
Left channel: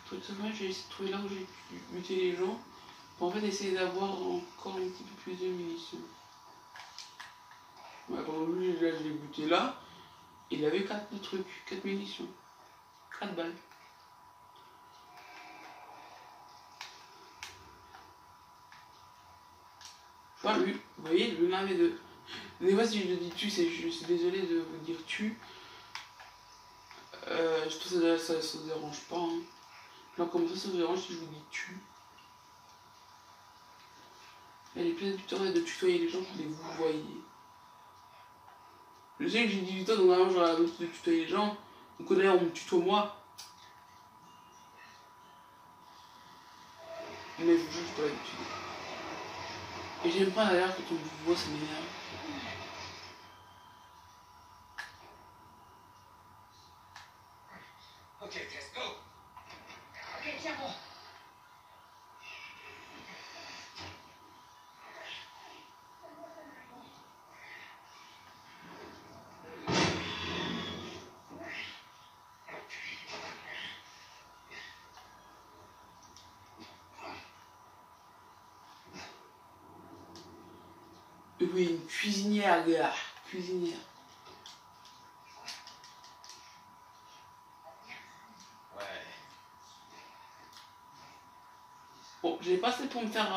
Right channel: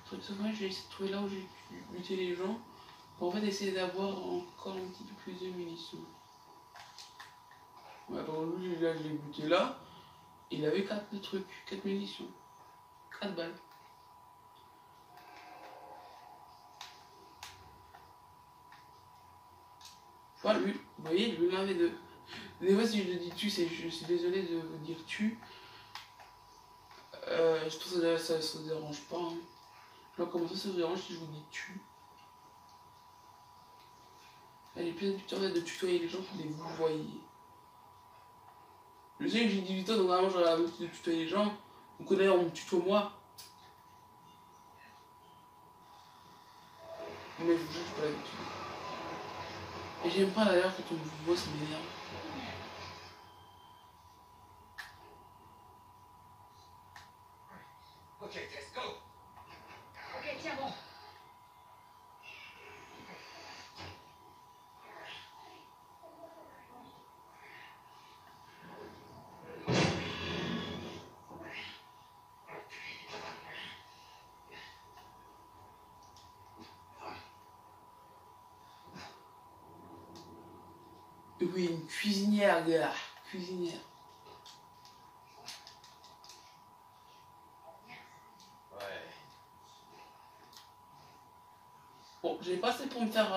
truc de j'ai essayé de trouver là où j'ai buté les gens. Pour en fait essayer d'avoir encore un petit peu plus de munitions. Ouais, par exemple, lui, là, je l'ai buté là. Il avait 4 trucs, 4 munitions. 4 balles. Enfin, lui, vous voyez, lui en avait 2. Des fois, si je dis tu, je suis désolé de vous dire tu. Je trouve que ça se dérange pas. Hein. Genre, comment ça se dérange si je vous dis tu? Elle est pleine de tutoyer les gens qui les vous voyez. Je sais que j'ai 18 ans, donc normalement j'aurais l'habitude de tutoyer les gens. Donc d'ailleurs, on me tutoie moi. Mais je vous jure, j'ai pas l'habitude. Et j'aime pas d'ailleurs quand on me voit, ça m'énerve. Ok, let's go. Ok, tiens bon. Oui, une cuisinière, gars. Cuisinière. Ouais. Bon, j'ai pas assez pour me faire...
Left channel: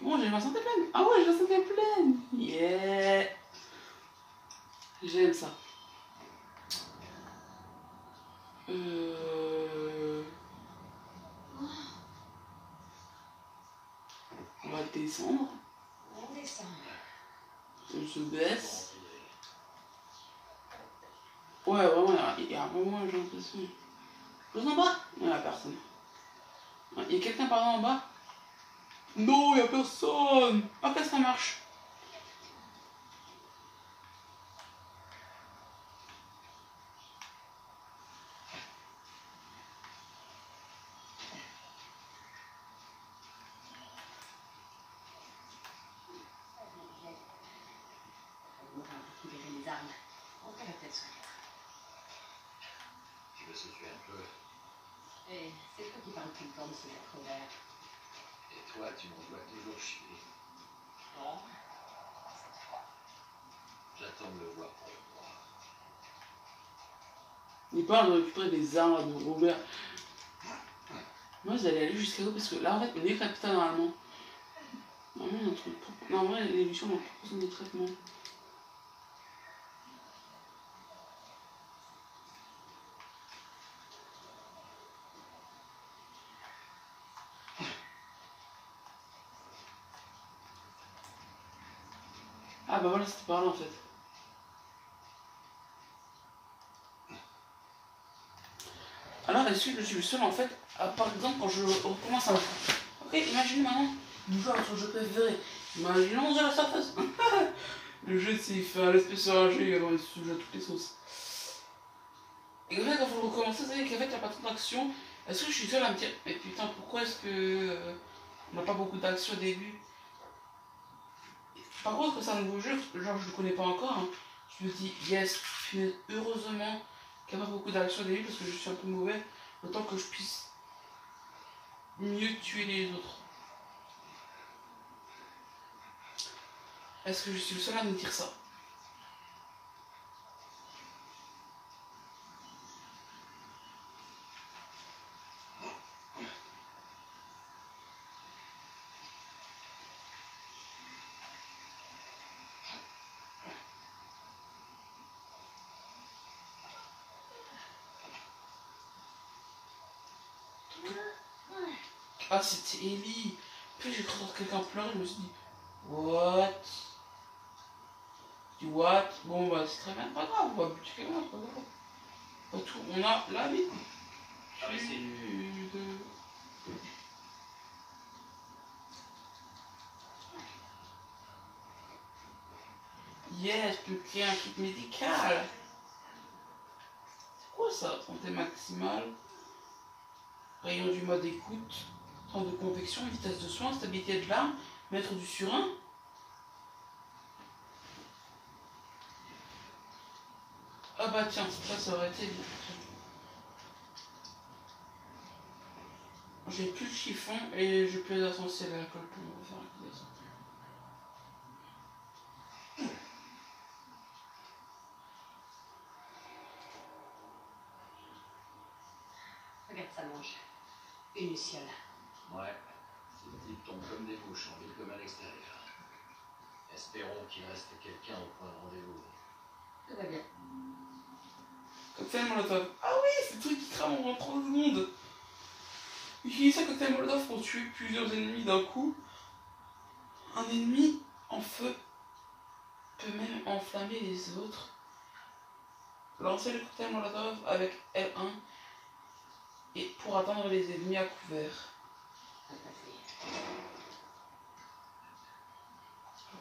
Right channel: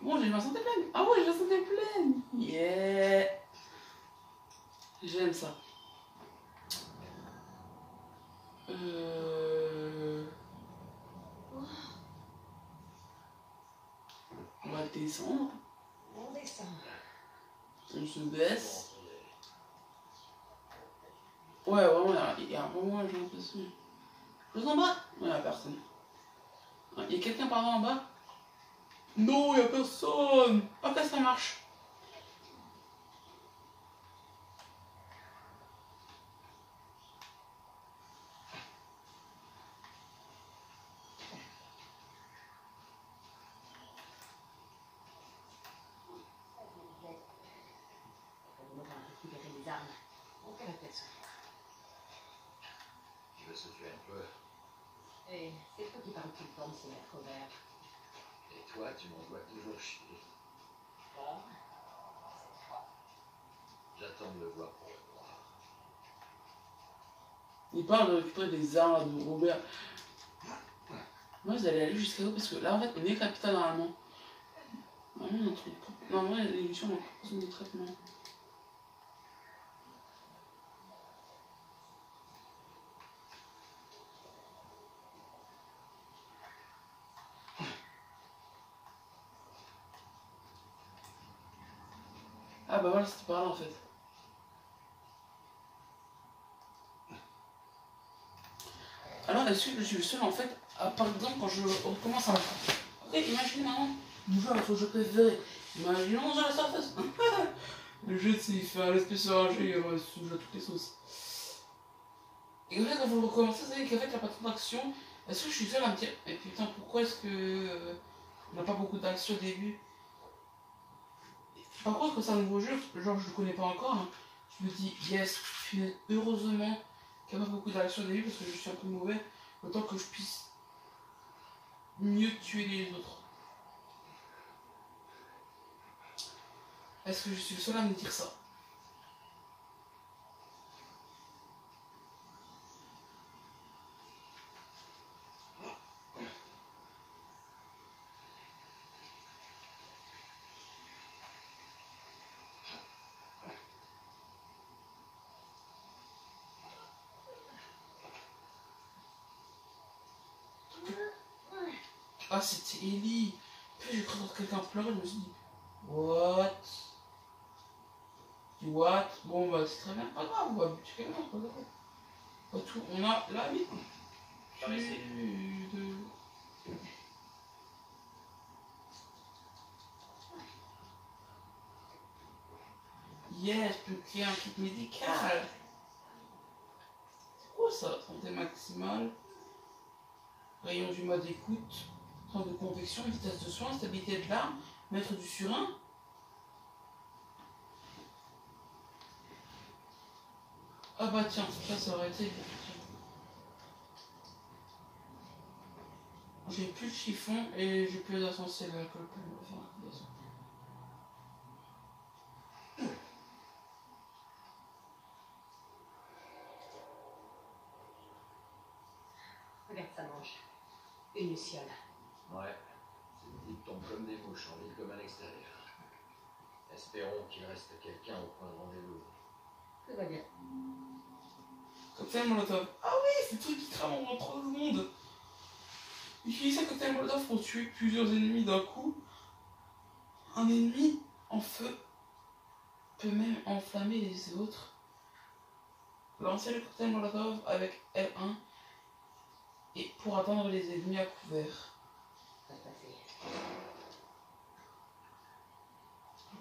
Bon, j'ai ma santé pleine. Ah ouais, j'ai ma santé pleine. Yeah. J'aime ça. On va descendre. On descend. On se baisse. Ouais, vraiment, il y a un moment, j'ai l'impression. Je en bas. Il n'y a personne. Il y a quelqu'un par là en bas. Non, il n'y a personne. Ok, ça marche. Les armes. On fait la tête sur rien. Tu veux se tuer un peu. Et c'est toi qui parles tout le temps de se mettre au vert. Et toi, tu m'envoies toujours chier. Bon. J'attends de le voir pour le croire. Il parle de récupérer des armes là, de Robert. Moi, j'allais aller jusqu'à où parce que là, en fait, on est capital normalement. Normalement, notre... Normalement, l'évolution, on a besoin des traitements. Ah bah voilà, c'était par là en fait. Alors, est-ce que je suis le seul en fait, par exemple, quand je recommence à... Ok, imagine maintenant, nous jouons à notre jeu préféré. Imaginons sur la surface. Le jeu, il fait un espèce de ragé, il se joue à toutes les sauces. Et en fait, quand vous le recommencez, vous savez qu'en fait, il n'y a pas trop d'action. Est-ce que je suis seul à me dire, mais putain, pourquoi est-ce que on n'a pas beaucoup d'action au début? Par contre, que c'est un nouveau jeu, genre je le connais pas encore, hein, je me dis, yes, heureusement qu'il n'y a pas beaucoup d'action au début parce que je suis un peu mauvais, autant que je puisse mieux tuer les autres. Est-ce que je suis le seul à me dire ça? Ah, c'était Ellie. Puis j'ai cru entendre quelqu'un pleurer, je me suis dit, what? Je dis, what? Bon, bah, c'est très bien, pas grave, on va buter quelqu'un, c'est pas grave. Pas tout, on a la vie. Yes, je peux créer un kit médical. C'est quoi ça? Santé maximale. Rayon du mode écoute. Temps de convection, vitesse de soin, stabilité de l'arme, mettre du surin. Ah bah tiens, ça aurait été bien. J'ai plus de chiffon et j'ai plus d'essentiel à l'alcool. On va faire un coup d'essentiel. Regarde, ça mange. Une luciole. Ouais. Ces types tombent comme des mouches en ville comme à l'extérieur. Espérons qu'il reste quelqu'un au point de rendez-vous. Tout va bien. Cocktail Molotov. Ah oui, c'est le truc qui crame en 30 secondes. Utilisez un cocktail Molotov pour tuer plusieurs ennemis d'un coup. Un ennemi en feu peut même enflammer les autres. Lancez le cocktail Molotov avec L1 et pour atteindre les ennemis à couvert.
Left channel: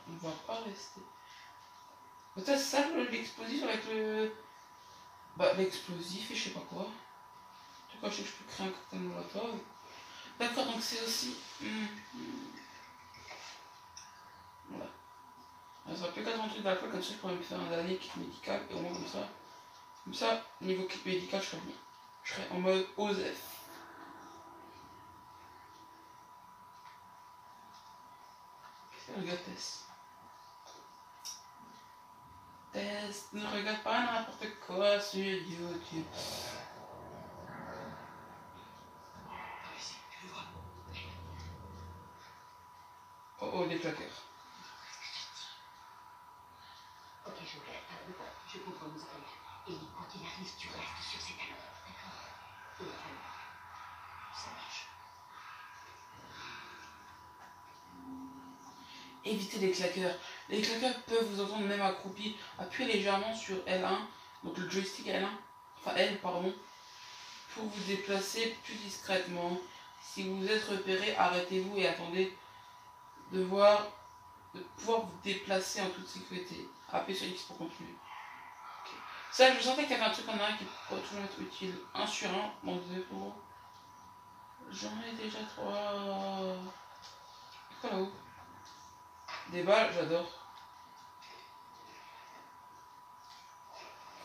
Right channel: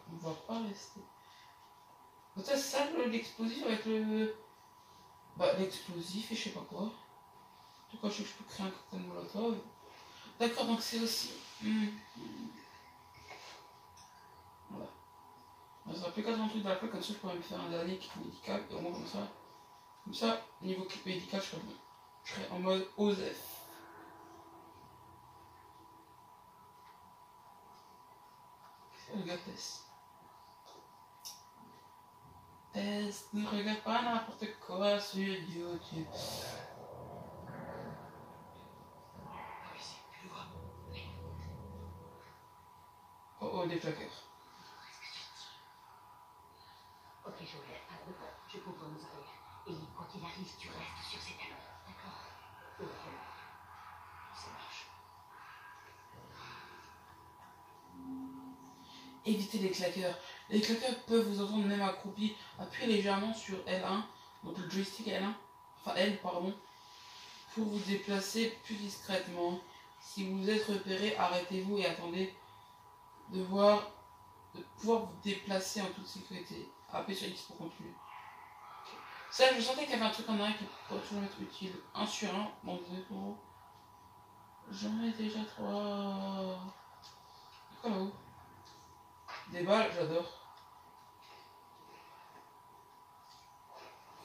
On va pas rester. Peut-être ça l'explosif avec le... Bah l'explosif et je sais pas quoi. En tout cas je sais que je peux créer un cocktail Molotov. D'accord, donc c'est aussi... Voilà. Ça va plus 88 d'alcool, comme ça je pourrais me faire un dernier kit médical et au moins comme ça. Comme ça, niveau kit médical, je serais bien. Je serais en mode OSEF. Regarde Tess. Tess, ne regarde pas n'importe quoi sur YouTube. Oh oh, des claqueurs. Ok, je comprends nos oreilles. Et quand il arrive, tu restes sur ses talons. D'accord? Ça marche. Évitez les claqueurs. Les claqueurs peuvent vous entendre même accroupi. Appuyez légèrement sur L1, donc le joystick L1, enfin L pardon, pour vous déplacer plus discrètement. Si vous êtes repéré, arrêtez-vous et attendez de pouvoir vous déplacer en toute sécurité. Appuyez sur X pour continuer. Okay. Ça, je sentais qu'il y avait un truc en arrière qui pourrait toujours être utile. 1 sur 1 dans le 2 euros. J'en ai déjà 3. Quoi là-haut? Des balles, j'adore.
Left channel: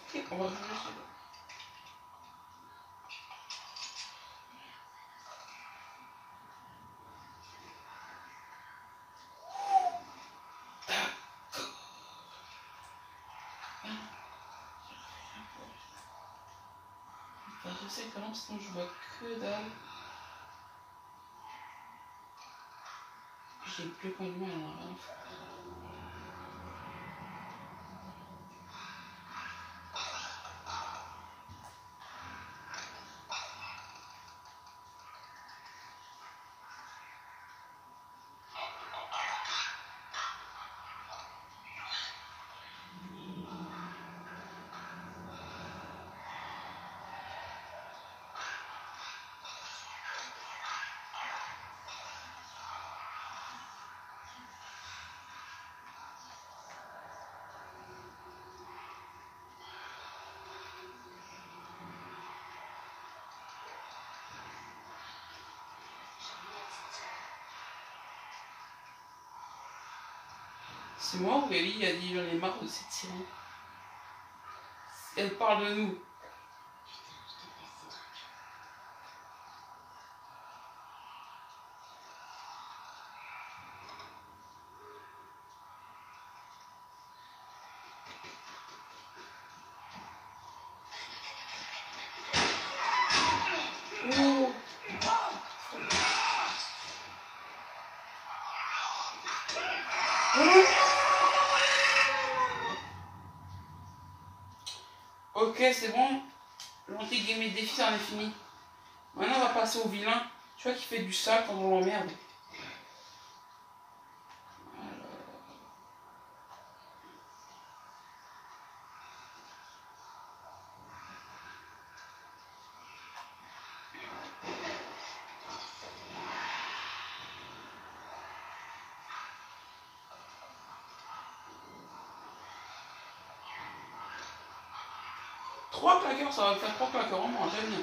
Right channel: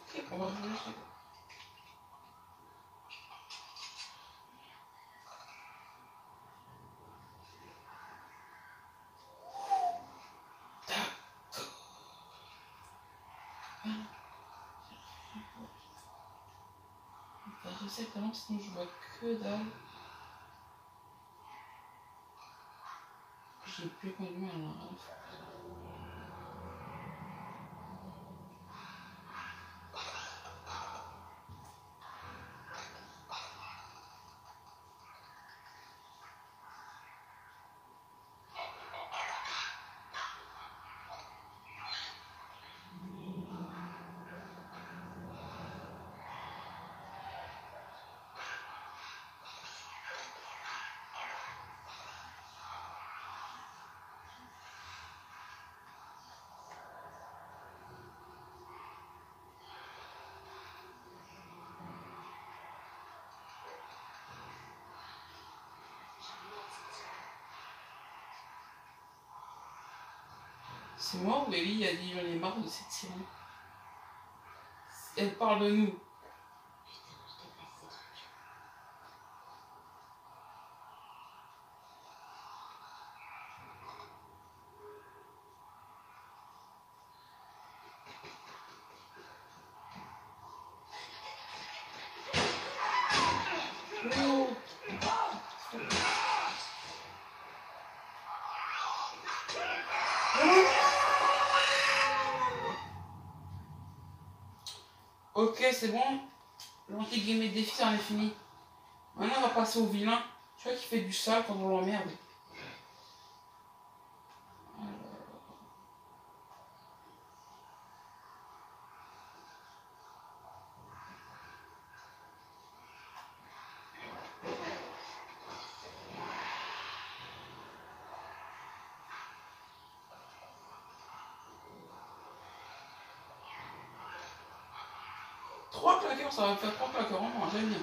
Ok, on va changer ça. Je sais que là, sinon je vois que dalle. J'ai plus conduit, elle en a rien à foutre. C'est moi ou Ellie a dit j'en ai marre de cette sirène. Elle parle de nous. Putain, je déteste ces trucs. Oh. Ok, c'est bon. L'anti-game défi, ça en est fini. Maintenant, on va passer au vilain. Tu vois qui fait du sale quand on l'emmerde. Trois claqueurs, ça va faire 3 claqueurs en moins, j'aime bien.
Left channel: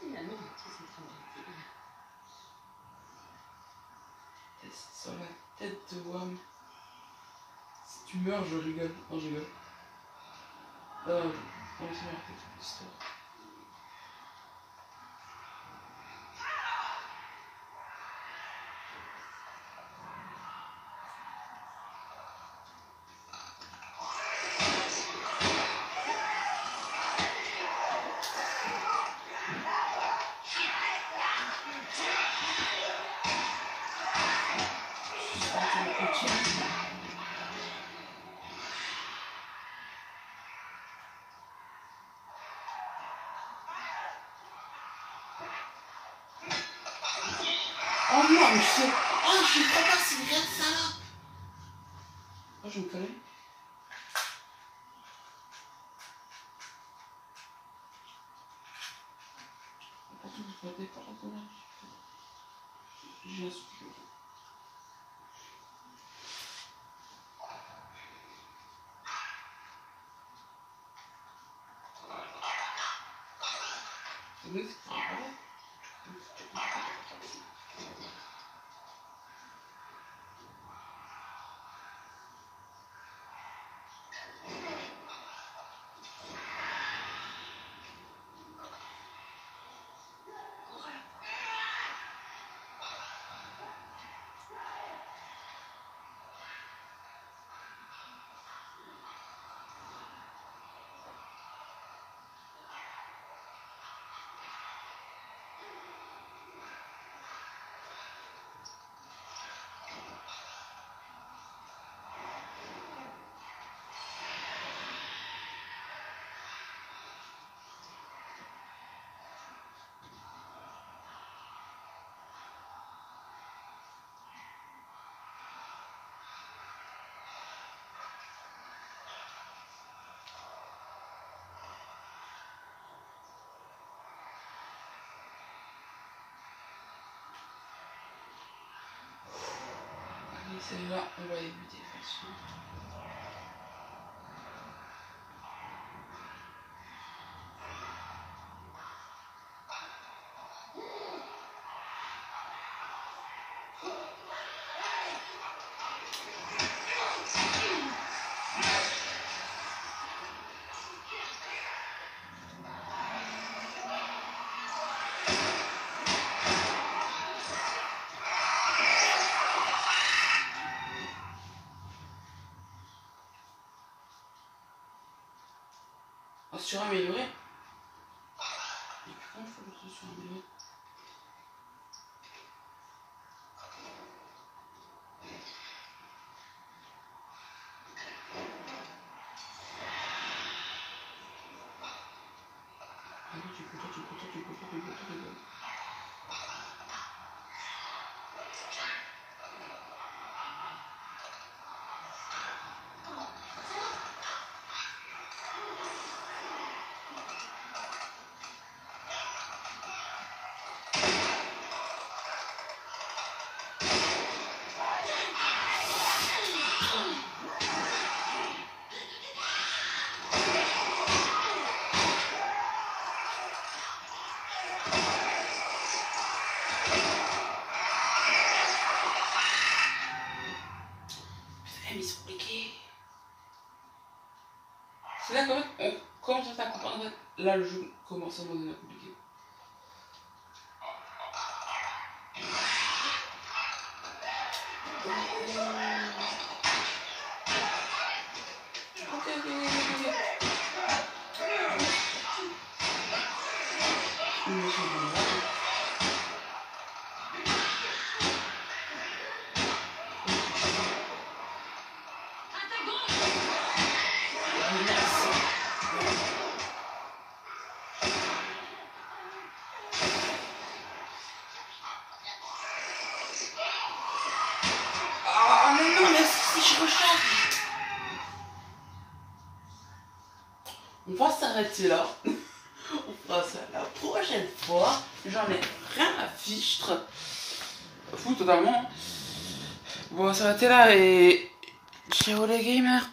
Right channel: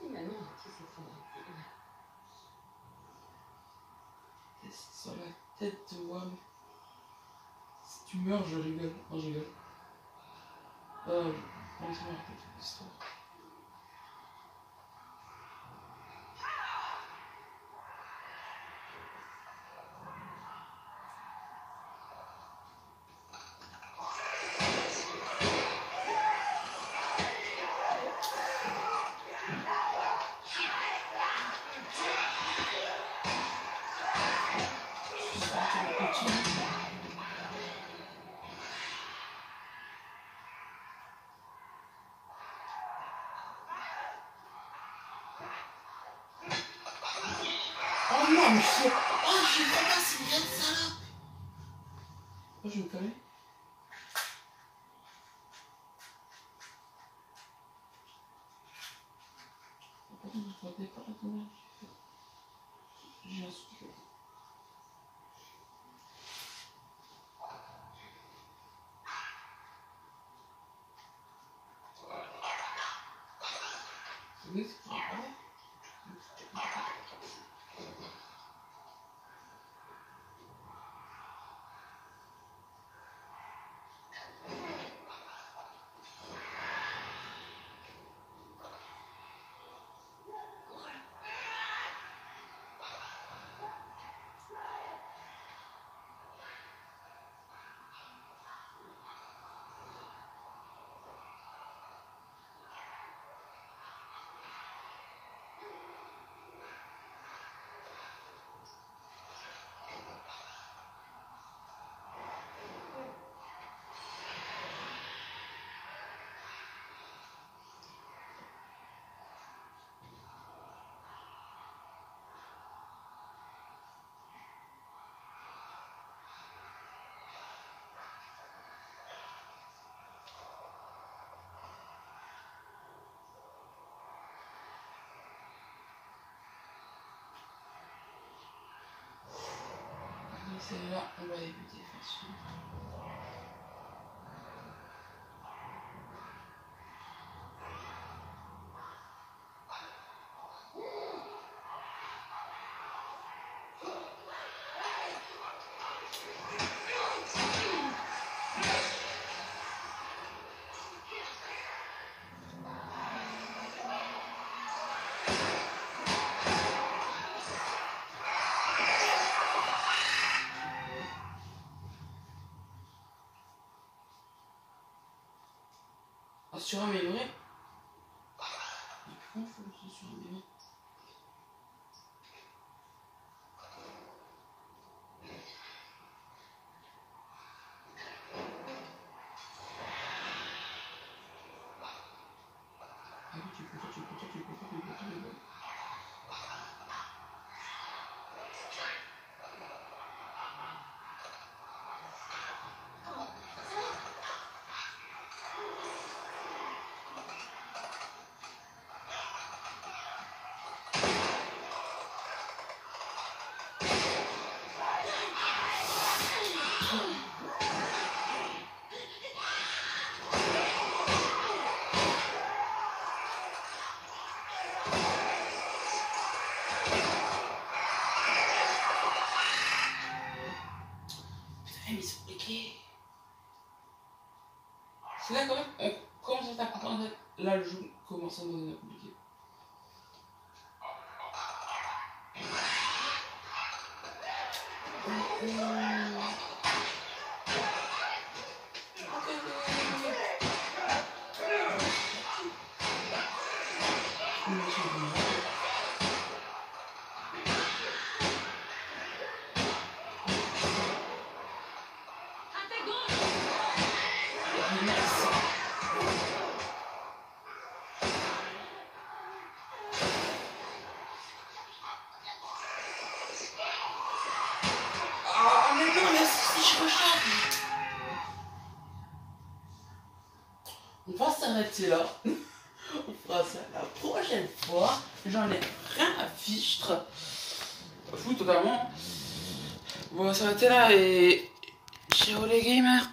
Finalement, tous ces sont gentils. Test sur la tête de Wam. Si tu meurs, je rigole. Non, je rigole. Non, c'est arrêter toute l'histoire. Oh non, mais c'est... Oh, je sais pas si vous regarde ça là. Oh, je me connais. Pourquoi vous ne pas attendre? J'ai un souffle. Celle-là, on va l'éviter de toute façon. Suraméliorer. Et puis comment il faut le suraméliorer? C'est là quand même, on commence à comprendre. Là, le jeu commence à devenir compliqué. On va s'arrêter là. On fera ça la prochaine fois. J'en ai rien à fichtre. Fou totalement. On va s'arrêter là et ciao les gamers.